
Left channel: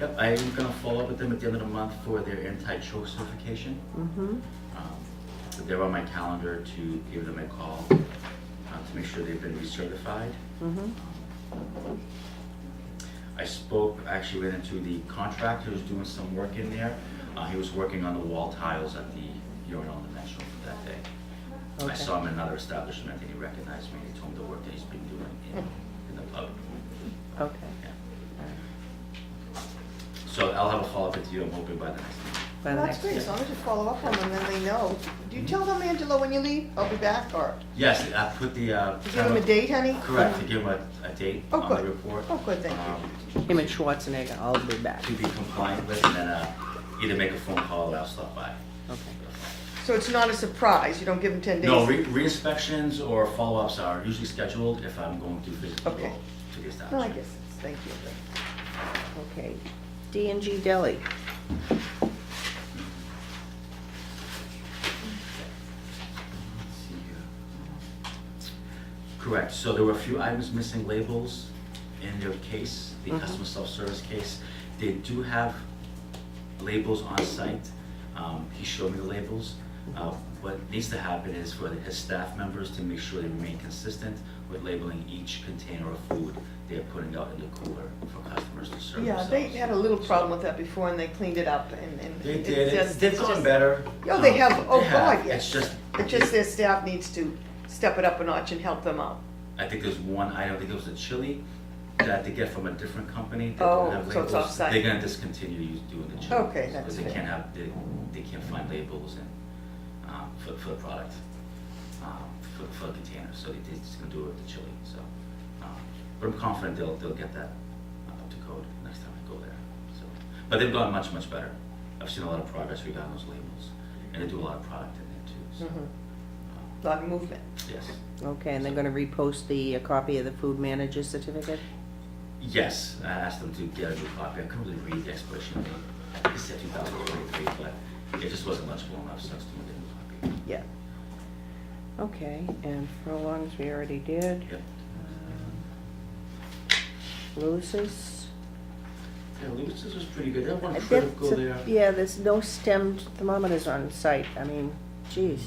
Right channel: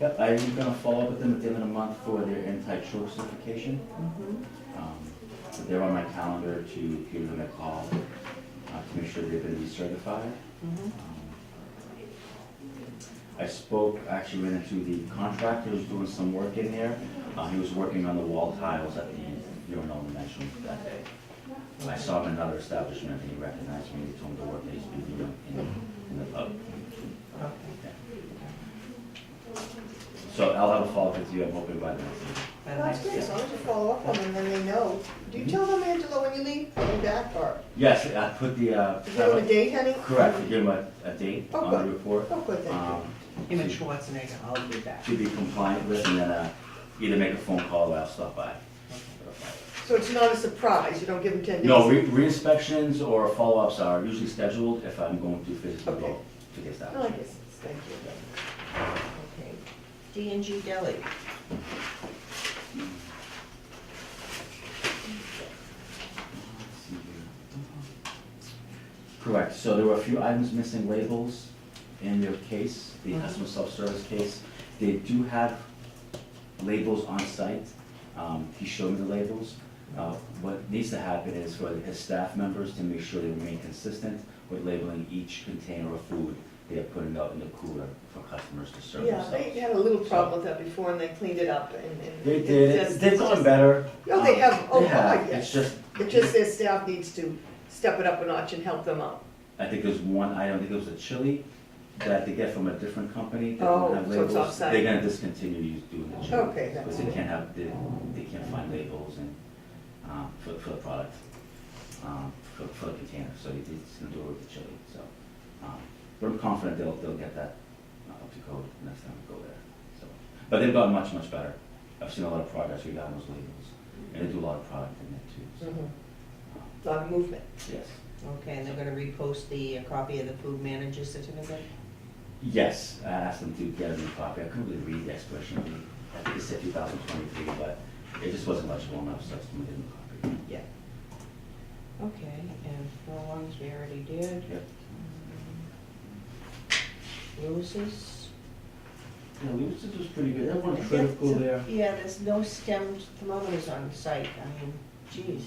Yep, I'm gonna follow up with them at the end of the month for their Untitled certification. mm-hmm, But they're on my calendar to give them a call to make sure they've been recertified. mm-hmm, I actually went into the contractor who's doing some work in there. He was working on the wall tiles at the urinal in the men's room that day. I Okay. saw him in another establishment and he recognized me. He told me the work that he's been doing in the pub. okay. Yeah. So I'll have a follow-up with you, I'm hoping by the next meeting. By Well, that's next- great, as long as you follow up on them, then they know. Do you tell them, Angela, when you leave, I'll be back, or Yes, I put the, give them a date, honey? correct, to give them a date Oh, on the good. report. Oh, good, thank you. Him and Schwarzenegger, I'll be back. To be compliant with, and then either make a phone call or I'll stop by. Okay. So it's not a surprise, you don't give them 10 days? No, re-inspections or follow-ups are usually scheduled if I'm going to physically Okay. go to get No, I established. guess, thank you. Okay. D&G Deli. Correct, so there were a few items missing labels in their case, the Mhm. customer self-service case. They do have labels on site. He showed me the labels. What needs to happen is for his staff members to make sure they remain consistent with labeling each container of food they're putting out in the cooler for customers to serve Yeah, themselves. they had a little problem with that before, and they cleaned it up, and. They it's did, just- they've it's gone just- better. Oh, they have, oh, They have. God, yes. It's just, Their staff needs to step it up a notch and help them out. I think there's one item, I think it was a chili that they get from a different company. That Oh, don't have so it's labels. off-site. They're gonna discontinue doing the chili. Okay, that's Because they good. can't have, they can't find labels and, for the product, for the container, so they're just gonna do it with the chili, so. But I'm confident they'll get that up to code next time we go there, so. But they've gotten much, much better. I've seen a lot of progress regarding those labels, and they do a lot of product in there too, so. Mhm. Lot of movement. Yes. Okay, and they're gonna repost the copy of the food manager certificate? Yes, I asked them to get a new copy. I couldn't really read the expiration date. It said 2023, but it just wasn't legible enough, so I asked them to get a new copy. Yeah. Okay, and furlongs we already did. Yep. Lewis's? Yeah, Lewis's was pretty good. That one That's critical a- there. Yeah, there's no stemmed thermometers on site, I mean, geez.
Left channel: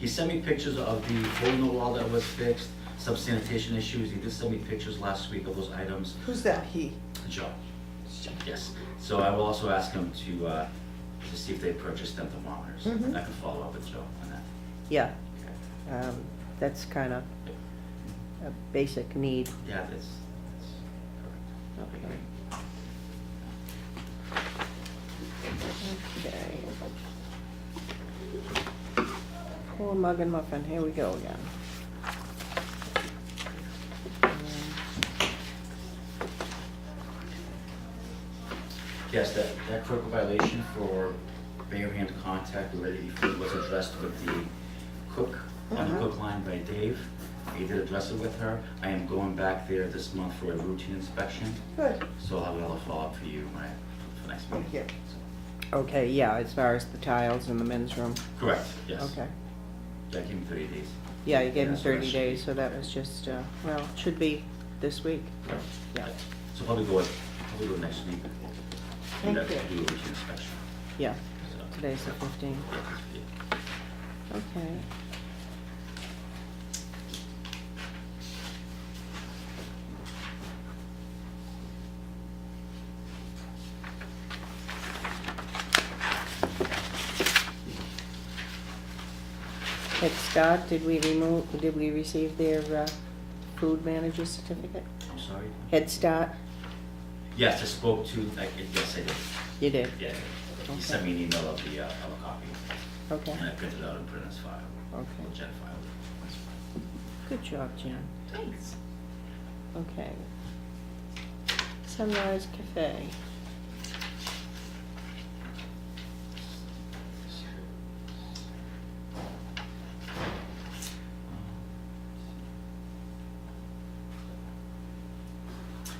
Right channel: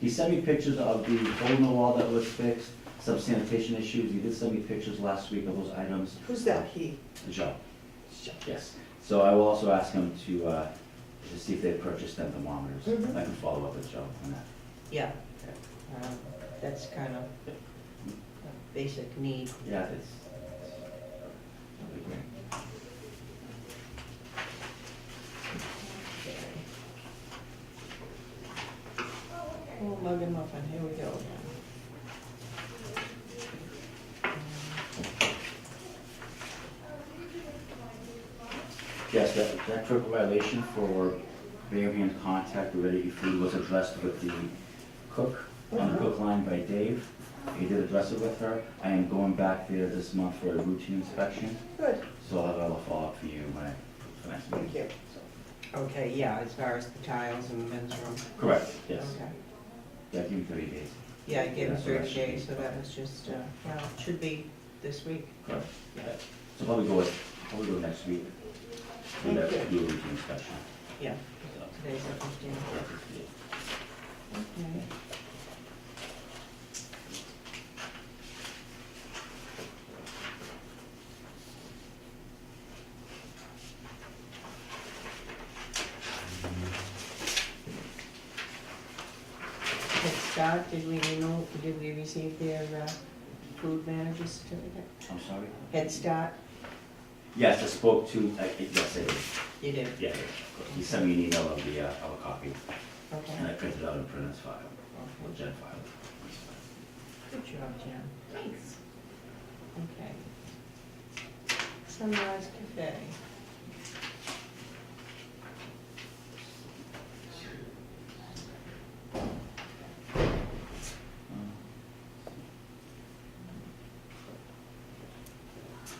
He sent me pictures of the hole in the wall that was fixed, some sanitation issues. He did send me pictures last week of those items. Who's that, he? Joe, yes. So I will also ask him to see if they purchased them thermometers. Mhm. I can follow up with Joe on that. Yeah, Okay. that's kind of a basic need. Yeah, that's that'll be great. Okay. Cool mug and muffin, here we go again. Yes, that critical violation for bare hand contact with ready food was addressed with the cook, on the cook line by Dave. He did address it with her. I am going back there this month for a routine inspection, Good, so I'll have another follow-up for you when for next thank meeting. you. Okay, yeah, as far as the tiles in the men's room. Correct, yes. Okay. Yeah, give me 30 days. Yeah, you gave him Yeah, so that 30 should days, be- so that was just, well, it should be this week. Correct. Yeah. So probably go next week. Thank Do you. a routine inspection. Yeah, So, today's the 15th. yeah. Okay. Head Start, did we receive their food manager certificate? I'm sorry? Head Start, Yes, I spoke to, yes, I did. you did? Yeah, he sent me an email of the, of a copy, Okay, and I printed it out and put it in his file, or okay. Jen filed it. Good job, Jen. Thanks. Okay. Sunrise Cafe.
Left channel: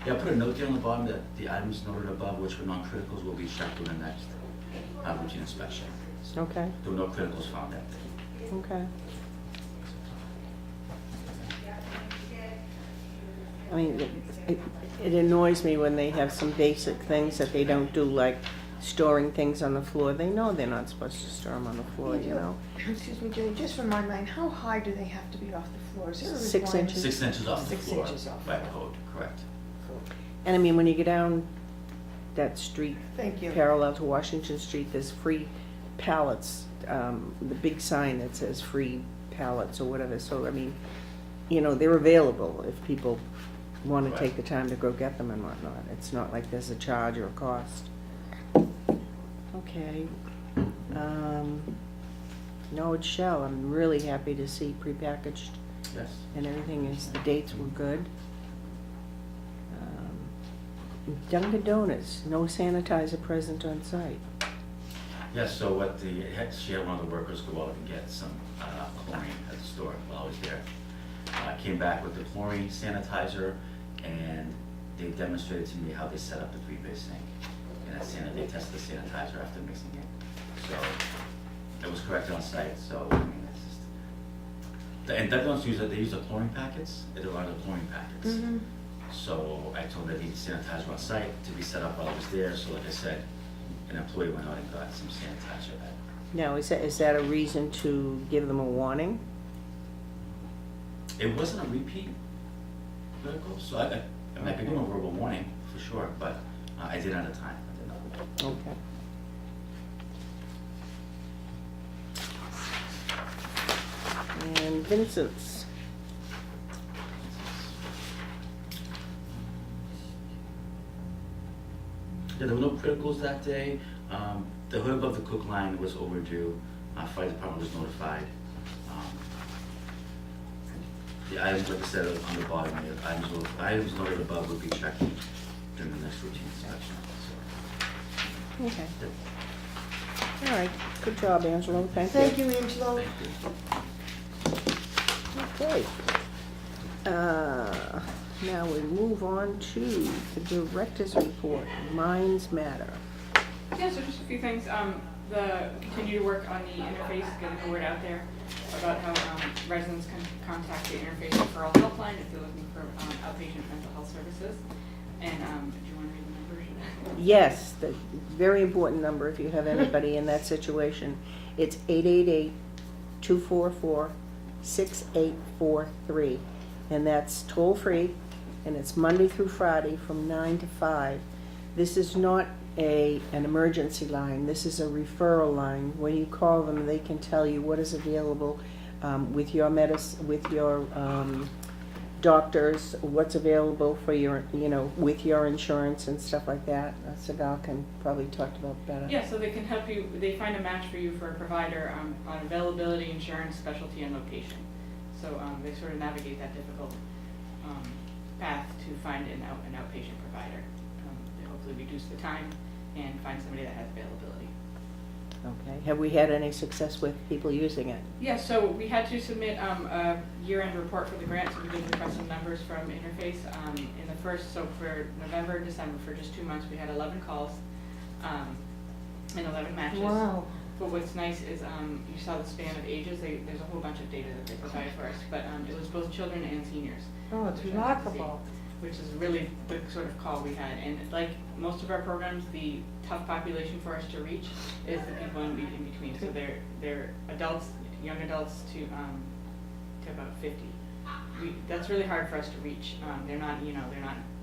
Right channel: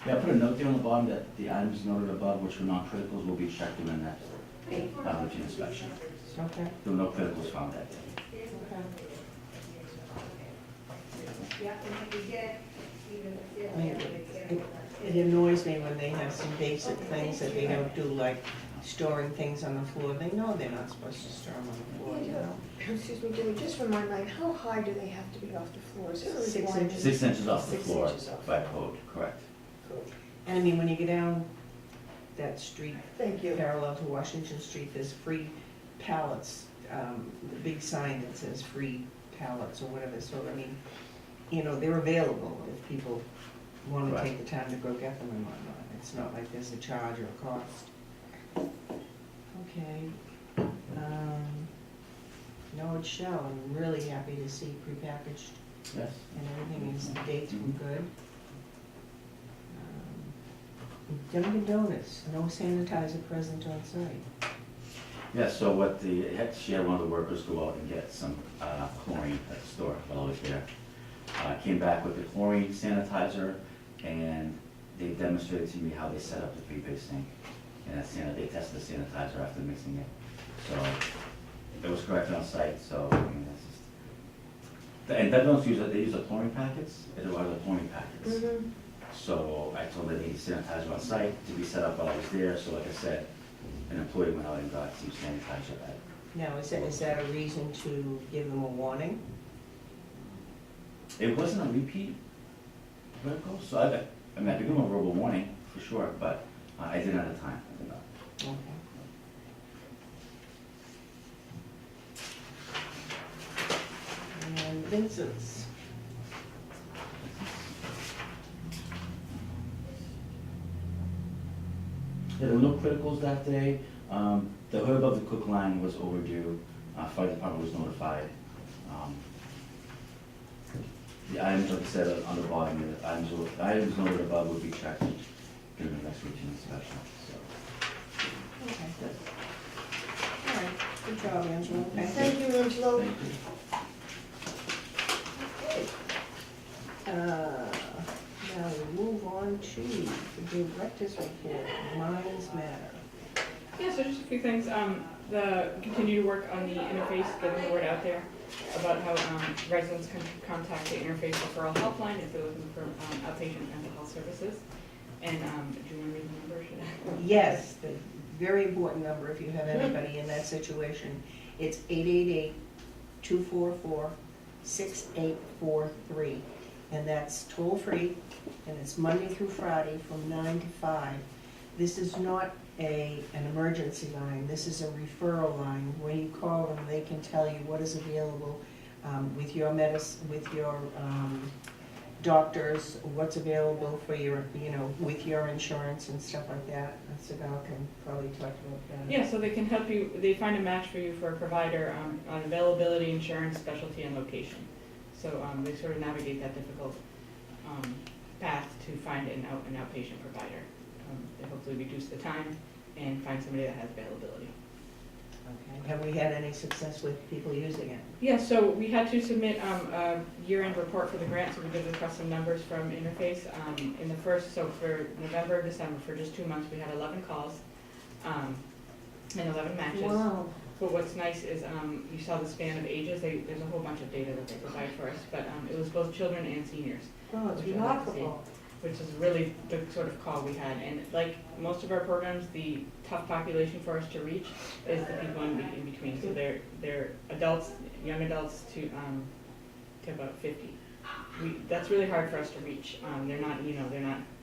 Yeah, I put a note there on the bottom that the items noted above, which were non-criticals, will be checked in the next routine inspection. Okay, There were no criticals found that day. okay. I mean, it annoys me when they have some basic things that they don't do, like storing things on the floor. They know they're not supposed to store them on the floor, you know? Excuse me, Jenny, just remind me, how high do they have to be off the floor? Is there a 6 requirement? inches. 6 inches off the 6 floor inches off. by code, correct. And I mean, when you go down that street Thank you. parallel to Washington Street, there's free pallets, the big sign that says free pallets or whatever. So, I mean, you know, they're available if people wanna Right. take the time to go get them and whatnot. It's not like there's a charge or a cost. Okay. No, it shall. I'm really happy to see prepackaged Yes. and everything is, the dates were good. Dunkin' Donuts, no sanitizer present on site. Yes, so what she had one of the workers go out and get some chlorine at the store while I was there. Came back with the chlorine sanitizer, and they demonstrated to me how they set up the three-base sink. And they tested the sanitizer after mixing it. So it was correct on site, so I mean, that's just. And they don't use it, they use the chlorine packets, they are the chlorine packets. Mhm. So I told them they need sanitizer on site to be set up while I was there, so like I said, an employee went out and got some sanitizer. Now, is that a reason to give them a warning? It wasn't a repeat protocol, so I mean, I could do a verbal warning for sure, but I didn't at the time, I did not. Okay. And Vincent's, Yeah, there were no criticals that day. The hood above the cook line was overdue. Fire department was notified. The items, like I said, on the bottom, the items noted above would be checked during the next routine inspection, so. okay. All right, good job, Angelo, thank you. Thank you, Angelo. Thank you. Okay. Now we move on to the director's report, Minds Matter. Yeah, so just a few things, continue to work on the interface, get the word out there about how residents can contact the interface referral helpline if they're looking for outpatient mental health services. And do you want to read the number? Yes, the very important number if you have anybody in that situation. It's 888-244-6843. And that's toll free, and it's Monday through Friday from 9 to 5. This is not an emergency line, this is a referral line. When you call them, they can tell you what is available with your doctors, what's available for your, with your insurance and stuff like that. Sigal can probably talk about that. Yeah, so they can help you, they find a match for you for a provider on availability, insurance, specialty, and location. So they sort of navigate that difficult path to find an outpatient provider. They hopefully reduce the time and find somebody that has availability. Okay, have we had any success with people using it? Yeah, so we had to submit a year-end report for the grant, so we did look at some numbers from Interface. In the first, so for November, December, for just 2 months, we had 11 calls and 11 matches. Wow. But what's nice is you saw the span of ages. There's a whole bunch of data that they provide for us, but it was both children and seniors. Oh, it's which was nice to see, remarkable. which is really the sort of call we had. And like most of our programs, the tough population for us to reach is the people in between. So they're adults, young adults to about 50. That's really hard for us to reach. They're not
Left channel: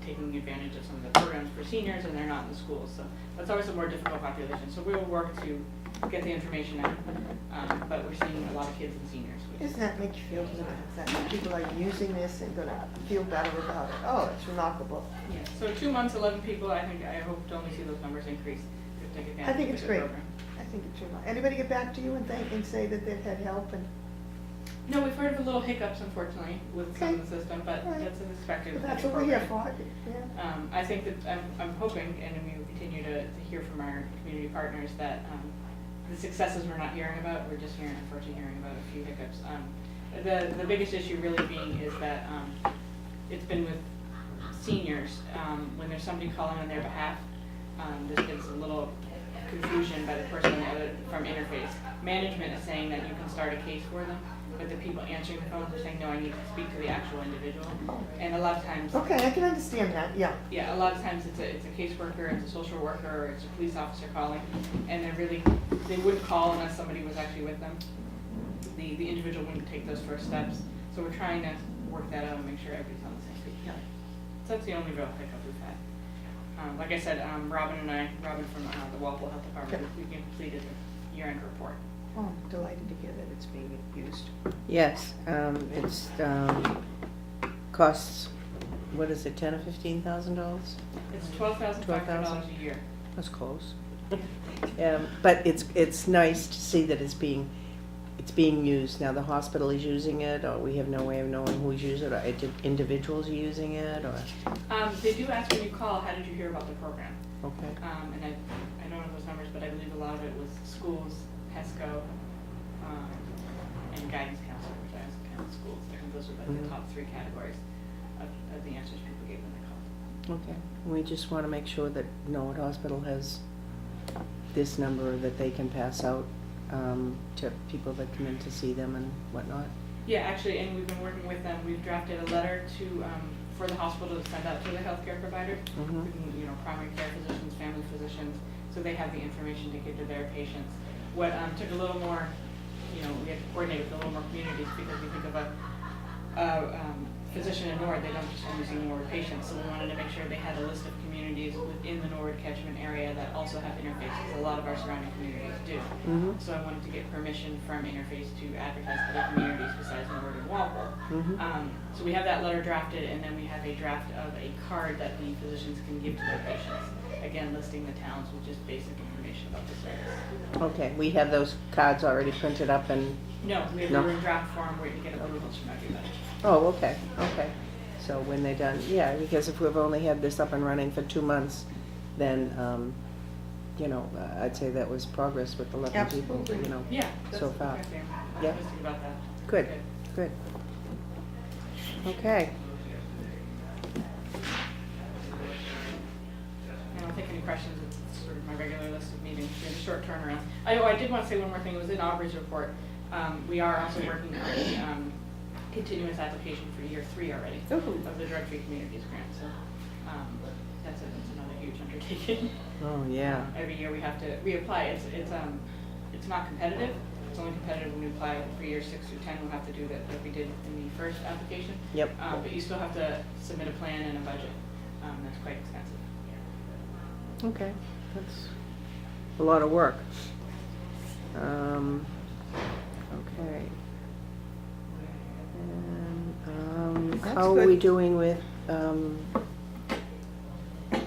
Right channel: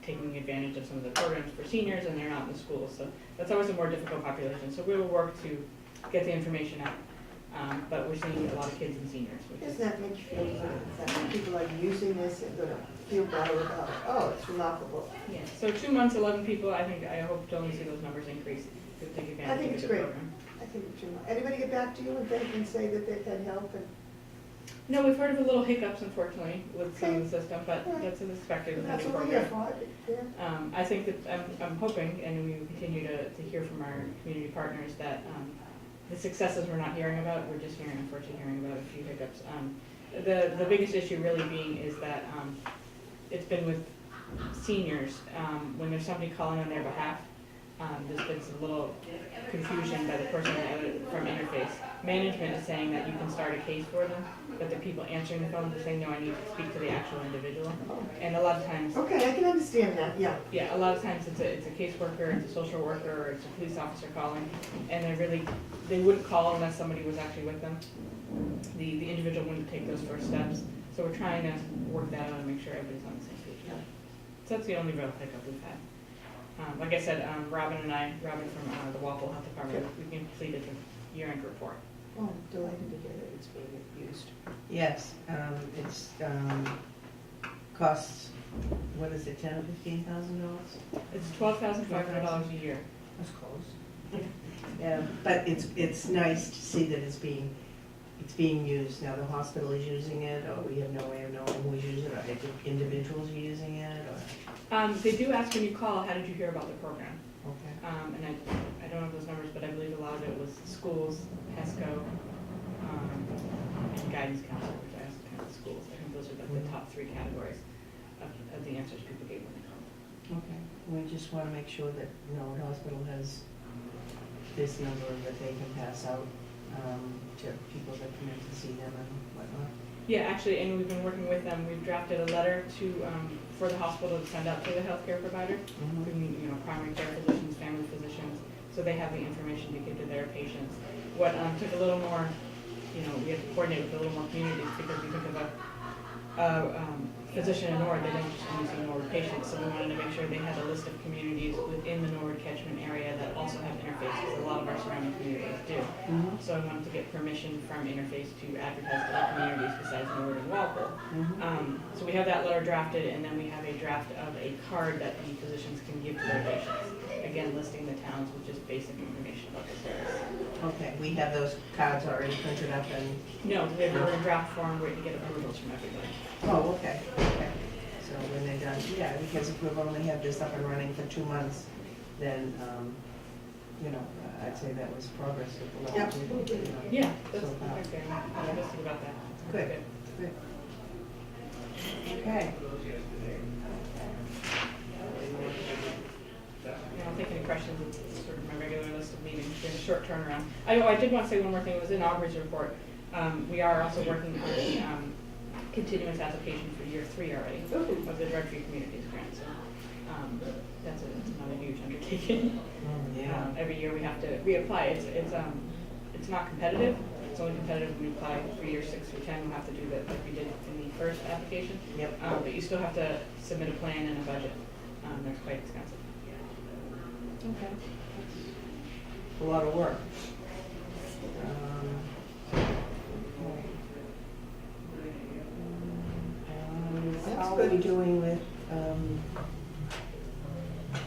taking advantage of some of the programs for seniors, and they're not in the schools. So that's always a more difficult population. So we will work to get the information out. But we're seeing a lot of kids and seniors. Doesn't that make you feel good, that people are using this and gonna feel better about, oh, it's remarkable. Yeah. So 2 months, 11 people, I hope to only see those numbers increase to take advantage I think of it's the great. program. I think it's remarkable. Anybody get back to you and say that they've had help and, No, we've heard of a little hiccups, unfortunately, with some of the system, but All right. that's expected. with that's any what we're here program. for, yeah. I think that I'm hoping, and we will continue to hear from our community partners, that the successes we're not hearing about, we're just unfortunately hearing about a few hiccups. The biggest issue really being is that it's been with seniors, when there's somebody calling on their behalf, there's been some little confusion by the person from Interface. Management is saying that you can start a case for them, but the people answering the phone are saying, no, I need to speak to the actual individual. And a lot of times, Okay, I can understand that, yeah. yeah, a lot of times it's a caseworker, it's a social worker, or it's a police officer calling, and they wouldn't call unless somebody was actually with them. The individual wouldn't take those first steps, so we're trying to work that out and make sure everybody's on the same page. So that's the only real hiccup we've had. Like I said, Robin from the Walpole Health Department, we completed the year-end report. Oh, I'm delighted to hear that it's being used. Yes, it's costs what is it, $10,000 or $15,000? It's $12,500 a year. That's close. But it's nice to see that it's being used. Now the hospital is using it, or we have no way of knowing who's using it, or individuals are using it, or, They do ask when you call, how did you hear about the program? okay. And I don't know those numbers, but I believe a lot of it was schools, HESCO, and guidance counselor, which I also count schools. I think those are like the top three categories of the answers people gave when they called. Okay, we just want to make sure that Norwood Hospital has this number that they can pass out to people that come in to see them and whatnot. Yeah, actually, and we've been working with them. We've drafted a letter to, for the hospital to send out to the healthcare provider, including, primary care physicians, family physicians, so they have the information to give to their patients. What took a little more, we had to coordinate with a little more communities, because you think of a physician in Norwood, they don't just use the Norwood patients, so we wanted to make sure they had a list of communities within the Norwood catchment area that also have interfaces. A lot of our surrounding communities do. So I wanted to get permission from Interface to advertise to other communities besides Norwood and Walpole. So we have that letter drafted, and then we have a draft of a card that the physicians can give to their patients. Again, listing the towns with just basic information about the service. Okay, we have those cards already printed up and, No, we have No. a draft form waiting to get approvals from everybody. oh, okay. So when they're done, yeah, because if we've only had this up and running for 2 months, then, I'd say that was progress with the 11 people, Absolutely. Yeah. so far. I'm Yeah. optimistic about that. Good, good. Okay. I'll take any questions. It's sort of my regular list of meetings. There's a short turnaround. I did want to say one more thing. It was in Aubrey's report. We are also working on the continuous application for year 3 already of the Drug Free Communities grant. So that's another huge undertaking. Oh, yeah. Every year we have to reapply. It's not competitive. It's only competitive when we apply for years 6 through 10. We have to do that like we did in the first application. Yep. But you still have to submit a plan and a budget. That's quite expensive. Okay, that's a lot of work. Okay. That's How are we good. doing with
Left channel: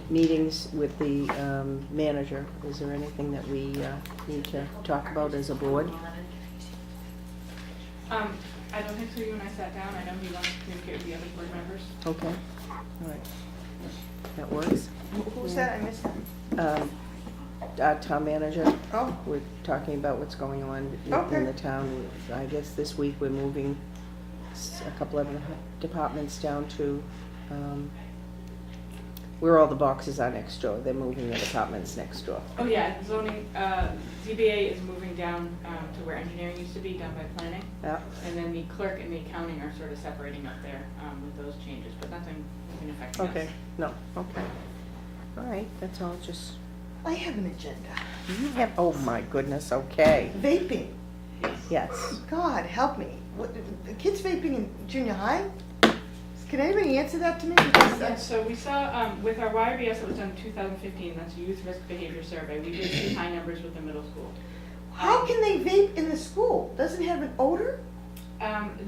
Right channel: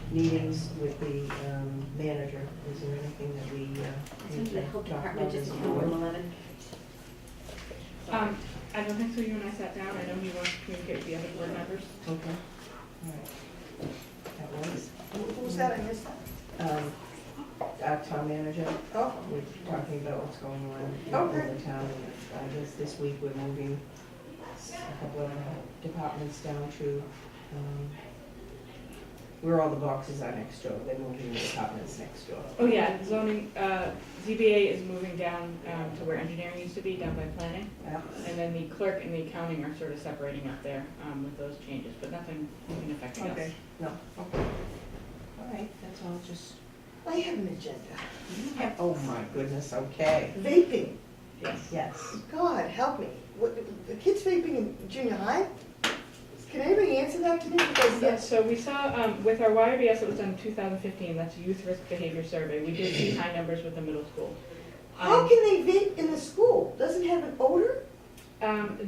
meetings with the manager? Is there anything that we need to talk about as a board? I don't think so. You and I sat down. I know he wants to communicate with the other board members. Okay, all right. That works. Who's that? I missed that. Our town manager, Oh, we're talking about what's going on in Okay. the town. I guess this week we're moving a couple of departments down to, where all the boxes are next door. They're moving the departments next door. Oh, yeah, zoning, ZBA is moving down to where engineering used to be, down by planning. Yeah, And then the clerk and the accounting are sort of separating up there with those changes, but nothing affecting us. okay, no, okay. All right, that's all, just, I have an agenda. you have, oh my goodness, okay. Vaping. Yes. Yes. God, help me. What, the kids vaping in junior high? Can anybody answer that to me? Because Yes, so we saw, with our YRBS that was done in 2015, that's a youth risk behavior survey, we did see high numbers with the middle school. how can they vape in the school? Doesn't it have an odor?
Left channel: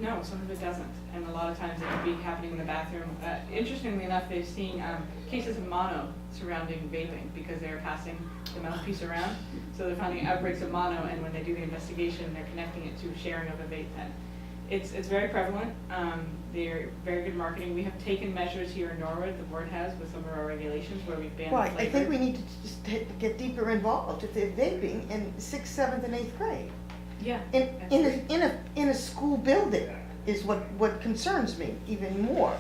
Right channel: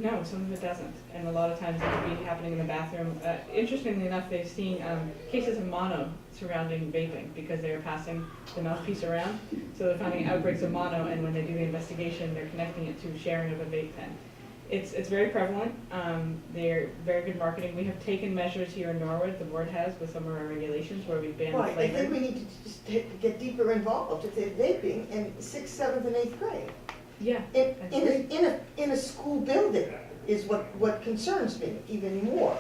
No, some of it doesn't, and a lot of times it could be happening in the bathroom. Interestingly enough, they've seen cases of mono surrounding vaping because they're passing the mouthpiece around. So they're finding outbreaks of mono, and when they do the investigation, they're connecting it to sharing of a vape pen. It's very prevalent. They're very good marketing. We have taken measures here in Norwood, the board has, with some of our regulations where we've banned Well, the I think flavor. we need to just get deeper involved if they're vaping in 6th, 7th, and 8th grade. Yeah. In a school building is what concerns me even more.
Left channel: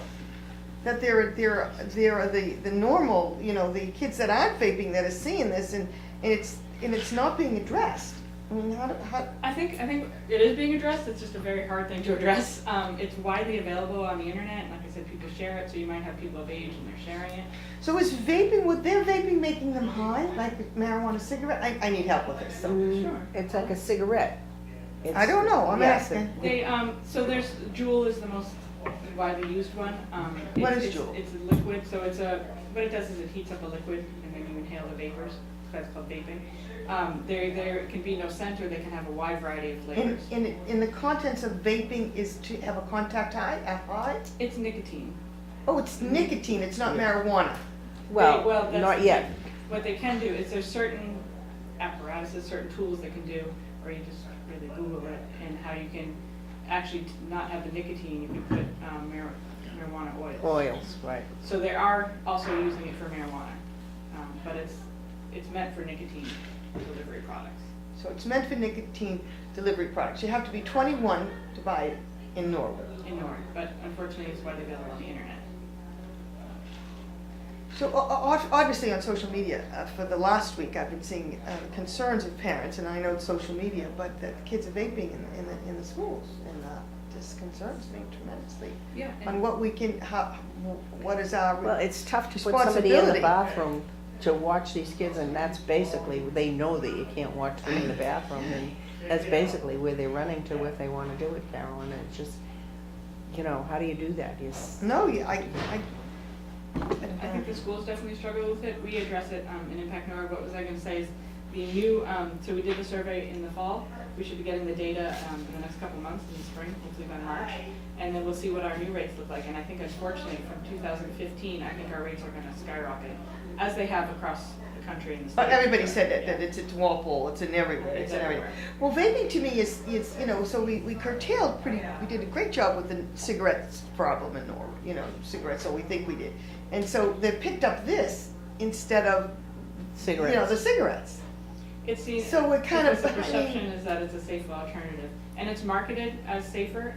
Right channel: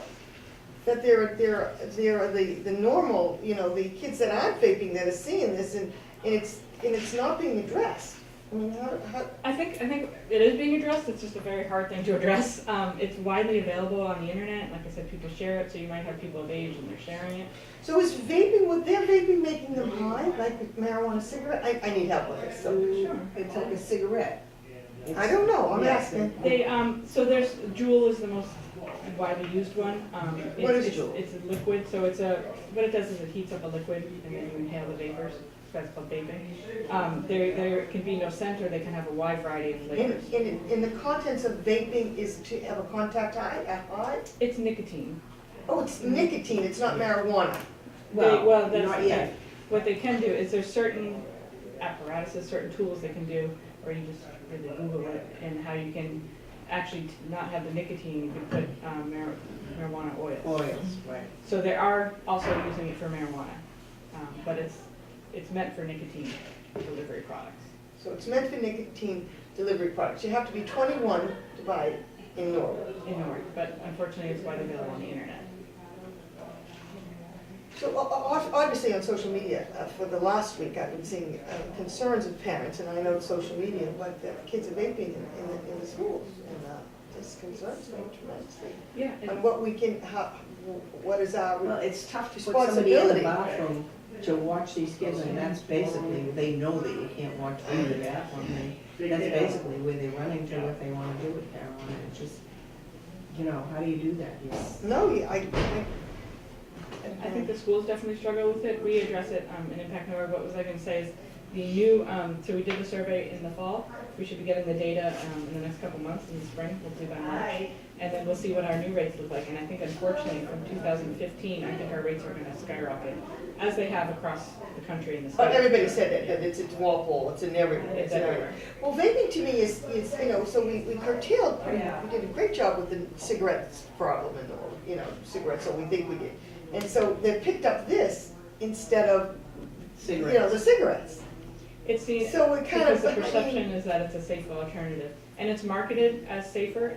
That there are the normal, the kids that aren't vaping that are seeing this and it's not being addressed. I mean, how, I think it is being addressed. It's just a very hard thing to address. It's widely available on the internet. Like I said, people share it, so you might have people of age and they're sharing it. so is vaping, with their vaping making them high, like marijuana cigarette? I need help with this, so. Sure. It's like a cigarette. I don't know, I'm Yes, asking. They so there's Juul is the most widely used one. What is it's, Juul? It's a liquid, so what it does is it heats up a liquid and then you inhale the vapors. That's called vaping. There can be no scent, or they can have a wide variety of flavors. In the contents of vaping is to have a contact high, a high? It's nicotine. Oh, it's nicotine, it's not marijuana. Well, that's not the yet. thing. What they can do is there's certain apparatuses, certain tools they can do, or you just really Google it, and how you can actually not have the nicotine, you can put marijuana oils. Oils, right. So they are also using it for marijuana, but it's meant for nicotine delivery products. So it's meant for nicotine delivery products. You have to be 21 to buy it in Norwood. In Norwood, but unfortunately it's widely available on the internet. So obviously on social media, for the last week, I've been seeing concerns of parents, and I know it's social media, but that kids are vaping in the schools, and this concerns me tremendously. Yeah. On what we can, what is our Well, it's tough to put somebody in the responsibility. bathroom to watch these kids, and that's basically, they know that you can't watch them in the bathroom, and that's basically where they're running to if they wanna do it, Carolyn, and it's just, you know, how do you do that? No, I think the schools definitely struggle with it. We address it in Impact Norwood. What was I going to say is the new, so we did the survey in the fall. We should be getting the data in the next couple months in the spring, hopefully by March. And then we'll see what our new rates look like. And I think unfortunately from 2015, I think our rates are going to skyrocket, as they have across the country and the state. everybody said that it's in Walpole, it's in everywhere. It's everywhere. Well, vaping to me is, you know, so we curtailed we did a great job with the cigarettes problem in Norwood, you know, cigarettes, so we think we did. And so they picked up this instead of, you know, the cigarettes. It's seen, So it kind of, because the perception is that it's a safer alternative. And it's marketed as safer,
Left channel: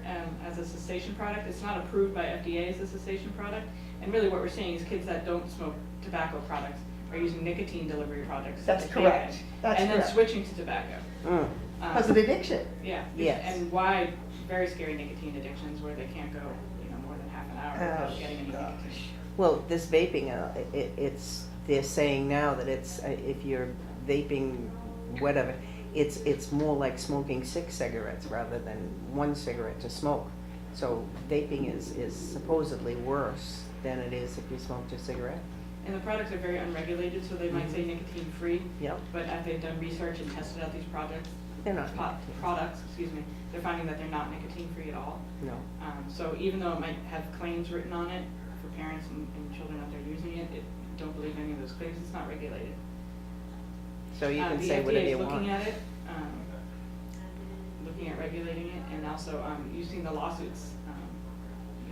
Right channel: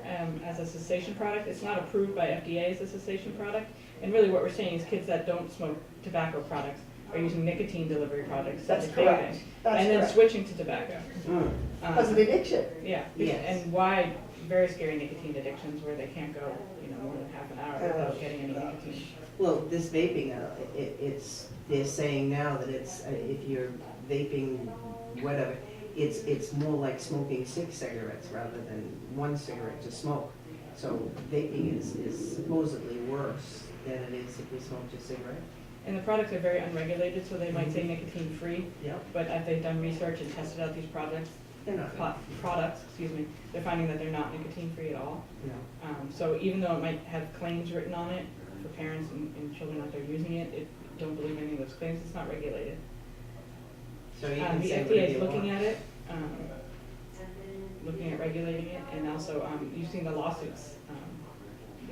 as a cessation product. It's not approved by FDA as a cessation product. And really what we're seeing is kids that don't smoke tobacco products are using nicotine delivery products. That's like correct. vaping, That's and then correct. switching to tobacco. Because of the addiction. Yeah. Yes. And why very scary nicotine addictions where they can't go, you know, more than half an hour without getting any nicotine. Well, this vaping, they're saying now that it's, if you're vaping, whatever, it's more like smoking 6 cigarettes rather than 1 cigarette to smoke. So vaping is supposedly worse than it is if you smoked a cigarette. And the products are very unregulated, so they might say nicotine free, Yep. but as they've done research and tested out these products, They're not. they're finding that they're not nicotine free at all. No. So even though it might have claims written on it for parents and children out there using it, don't believe any of those claims, it's not regulated. So you can The say FDA whatever is you want. looking at it, looking at regulating it, and also, you've seen the lawsuits,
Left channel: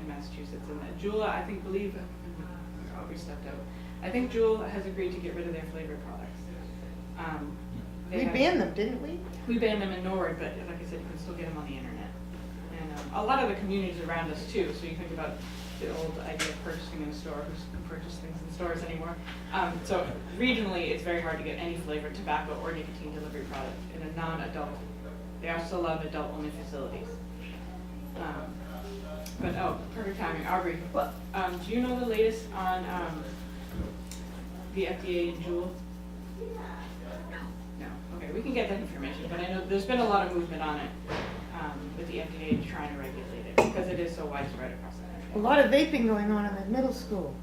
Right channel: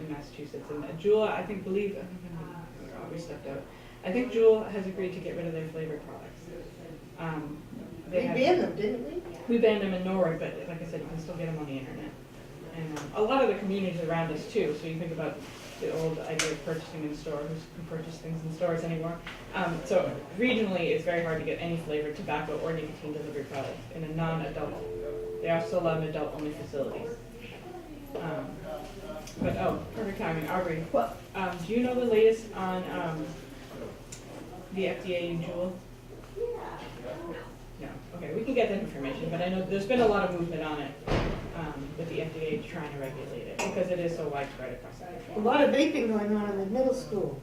in Massachusetts, and Juul, I think Aubrey stepped out. I think Juul has agreed to get rid of their flavored products. We banned them, didn't we? We banned them in Norwood, but like I said, you can still get them on the internet. And a lot of the communities around us too, so you think about the old idea of purchasing in store, who can purchase things in stores anymore. So regionally, it's very hard to get any flavored tobacco or nicotine delivery product in a non-adult. They are still allowed in adult-only facilities. But, perfect timing, Aubrey. Well- Do you know the latest on the FDA and Juul? No, okay, we can get that information, but I know there's been a lot of movement on it, with the FDA trying to regulate it, because it is so widespread across the A country. lot of vaping going on in the middle school.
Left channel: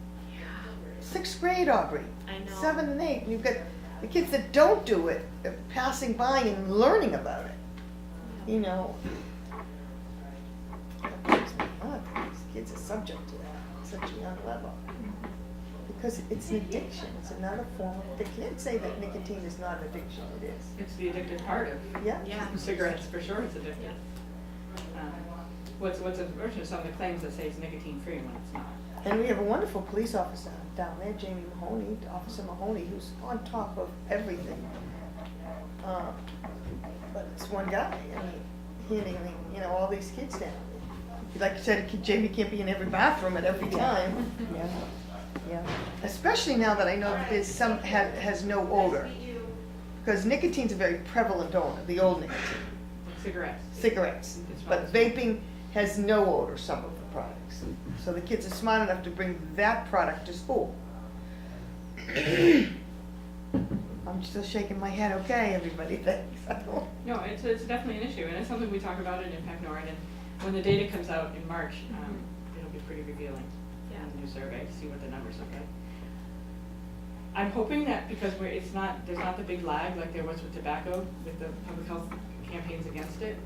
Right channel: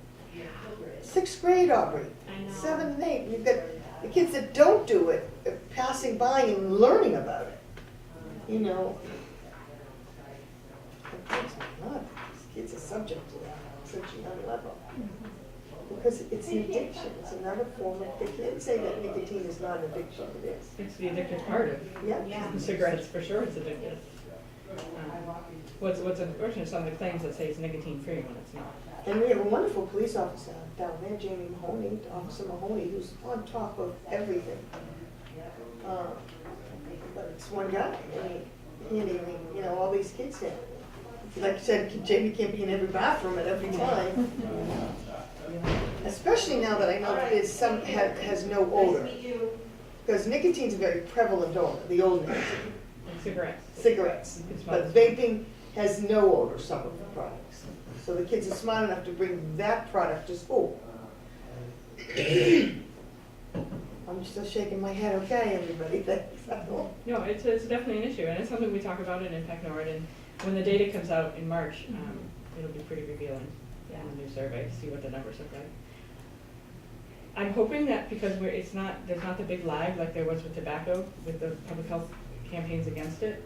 6th grade, Aubrey. I know. 7 and 8. You've got the kids that don't do it, are passing by and learning about it. You know. These kids are subject to that, such a young level. Because it's an addiction, it's another form of, they can't say that nicotine is not addiction, it is. It's the addictive part of Yeah. cigarettes, for sure it's addictive. What's unfortunate, some of the claims that say it's nicotine free when it's not. And we have a wonderful police officer down there, Jimmy Mahoney, Officer Mahoney, who's on top of everything. But it's one guy, and he handling, you know, all these kids now. Like you said, Jamie can't be in every bathroom at every time. Yeah. Especially now that I know that there's some has no odor. Because nicotine's a very prevalent odor, the old nicotine, Like cigarettes. cigarettes. But vaping has no odor, some of the products. So the kids are smart enough to bring that product to school. I'm still shaking my head, okay, everybody thinks. No, it's definitely an issue, and it's something we talk about in Impact Norwood, and when the data comes out in March, it'll be pretty revealing in the new survey to see what the numbers look like. I'm hoping that because there's not the big lag like there was with tobacco, with the public health campaigns against it,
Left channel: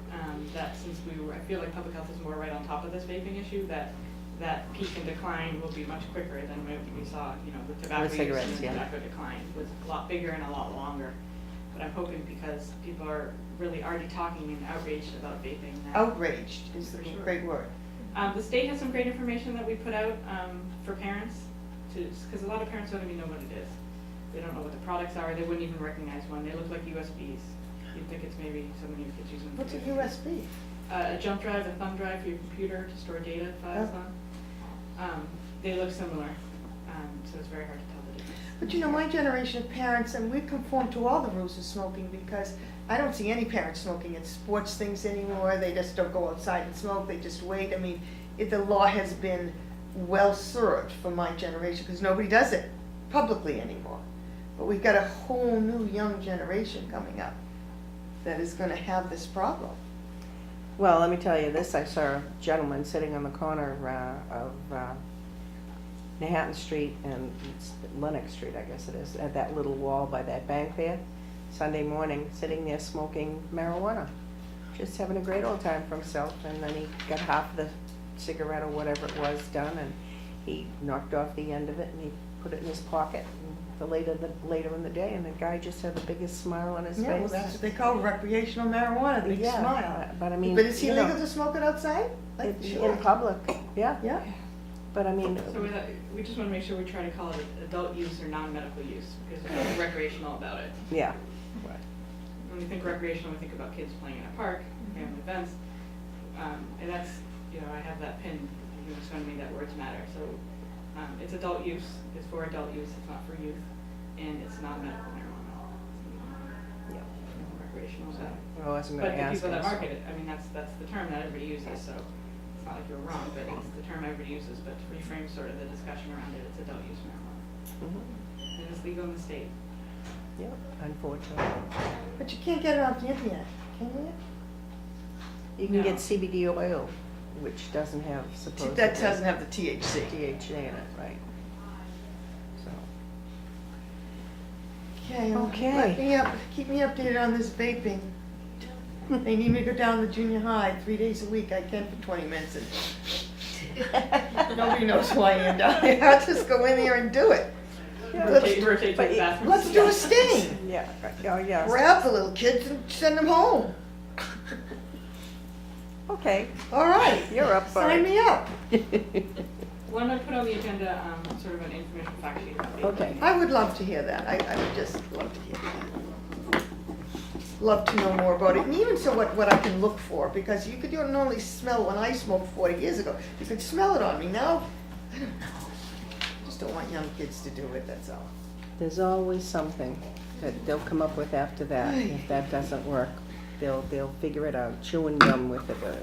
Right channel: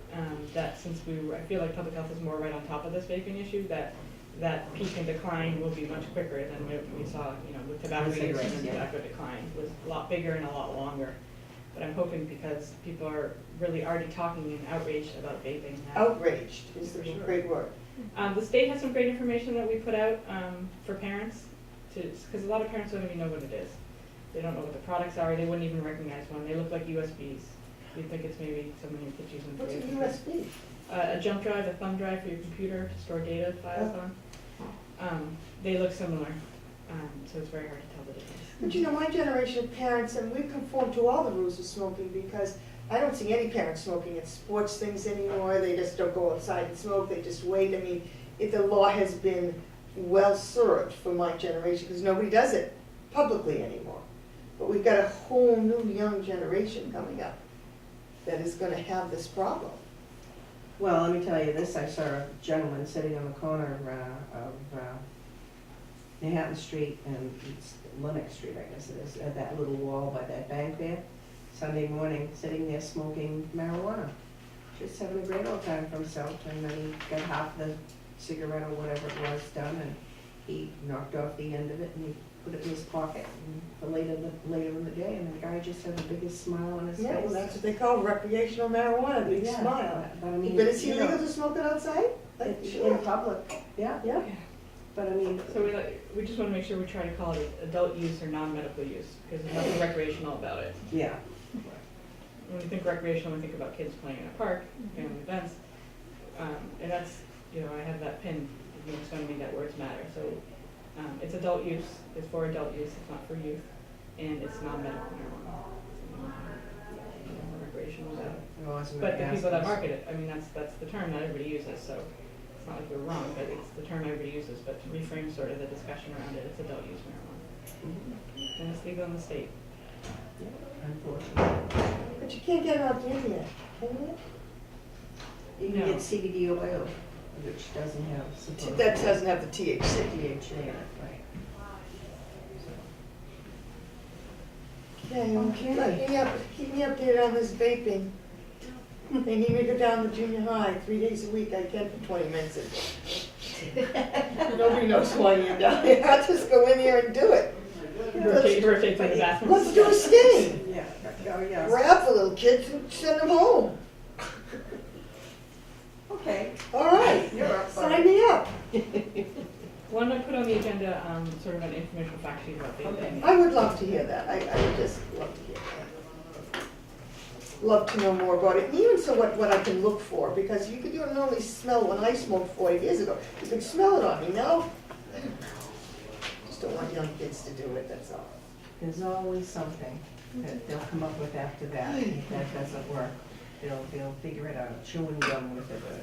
that since I feel like public health is more right on top of this vaping issue, that that peak and decline will be much quicker than we saw, with tobacco use, cigarettes, and the yeah. tobacco decline was a lot bigger and a lot longer. But I'm hoping because people are really already talking and outraged about vaping. that- Outraged is the great word. The state has some great information that we put out for parents, because a lot of parents don't even know what it is. They don't know what the products are, they wouldn't even recognize one, they look like USBs. You'd think it's maybe something your kids using for What's a vaping. USB? A jump drive, a thumb drive for your computer to store data files on. They look similar, so it's very hard to tell the difference. But my generation of parents, and we conform to all the rules of smoking because I don't see any parents smoking at sports things anymore. They just don't go outside and smoke, they just wait. I mean, the law has been well served for my generation because nobody does it publicly anymore. But we've got a whole new young generation coming up that is gonna have this problem. Well, let me tell you this, I saw a gentleman sitting on the corner of Manhattan Street and Lenox Street, I guess it is, at that little wall by that bank there, Sunday morning, sitting there smoking marijuana, just having a great old time for himself, and then he got half the cigarette or whatever it was done, and he knocked off the end of it, and he put it in his pocket for later in the day, and the guy just had the biggest smile on his Yeah, well, face. that's what they call recreational marijuana, they Yeah, smile. But I mean, But is it you know, illegal to smoke it outside? Like, in public, yeah, Yeah. but I mean, So we just wanna make sure we try to call it adult use or non-medical use, because there's nothing recreational about it. yeah, When we think recreational, we think about kids playing in a park, family events, and that's, I have that pin, it's going to make that words matter, so, it's adult use, it's for adult use, it's not for youth, and it's not medical marijuana. Recreational is out. I wasn't But gonna the ask. people that this. market it, I mean, that's the term that everybody uses, so it's not like we're wrong, but it's the term everybody uses, but to reframe sort of the discussion around it, it's adult use marijuana. Mhm. And it's legal in the state. Yeah, unfortunately. But you can't get it off the internet, can you? You can No. get CBD oil, which doesn't have supposedly. That doesn't have the THC. THC in it, right. Okay, Okay. let me keep me updated on this vaping. They need me to go down to junior high 3 days a week, I can for 20 minutes. Nobody knows who I am down there, I'll just go in there and do it. Rotate to the bathroom. Let's do a sting. Yeah, oh, yeah. Grab the little kids and send them home. Okay, All right, you're up for sign it. me up. Why don't I put on the agenda, sort of an informational fact sheet about vaping? Okay. I would love to hear that, I would just love to hear that. Love to know more about it, and even so what I can look for, because you don't normally smell when I smoked 40 years ago. You could smell it on me, now, I don't know. Just don't want young kids to do it, that's all. There's always something that they'll come up with after that. If that doesn't work, they'll figure it out, chewing gum with it, or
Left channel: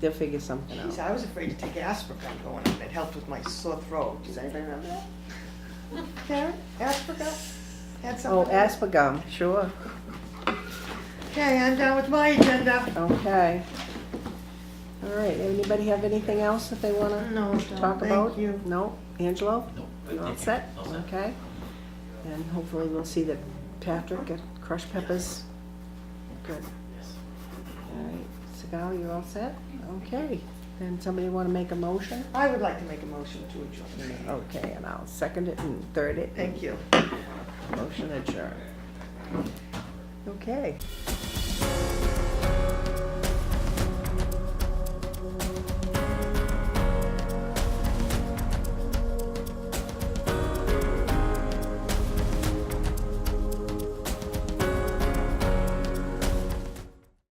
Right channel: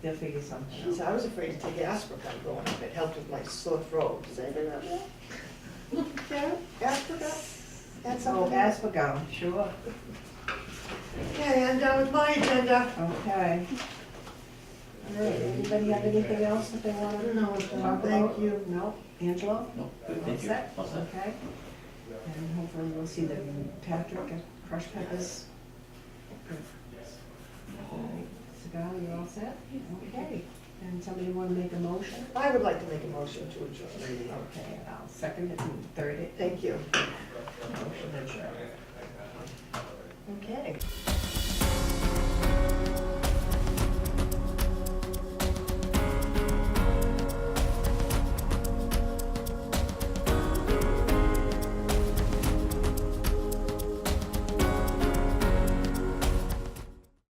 they'll figure something Jeez, out. I was afraid to take aspirin going up, it helped with my sore throat. Does anybody remember that? Karen, aspirin? Had Oh, something? aspargum, sure. Okay, I'm done with my agenda. Okay. All right, anybody have anything else that they wanna No, talk thank about? you. No? Angelo? No, You all thank you. set? All set. Okay. And hopefully we'll see that Patrick at crushed peppers. Good. Yes. All right, Sigal, you're all set? Okay. Then somebody wanna make a motion? I would like to make a motion to adjourn. Okay, and I'll second it and third it. Thank you. Motion adjourned. Okay.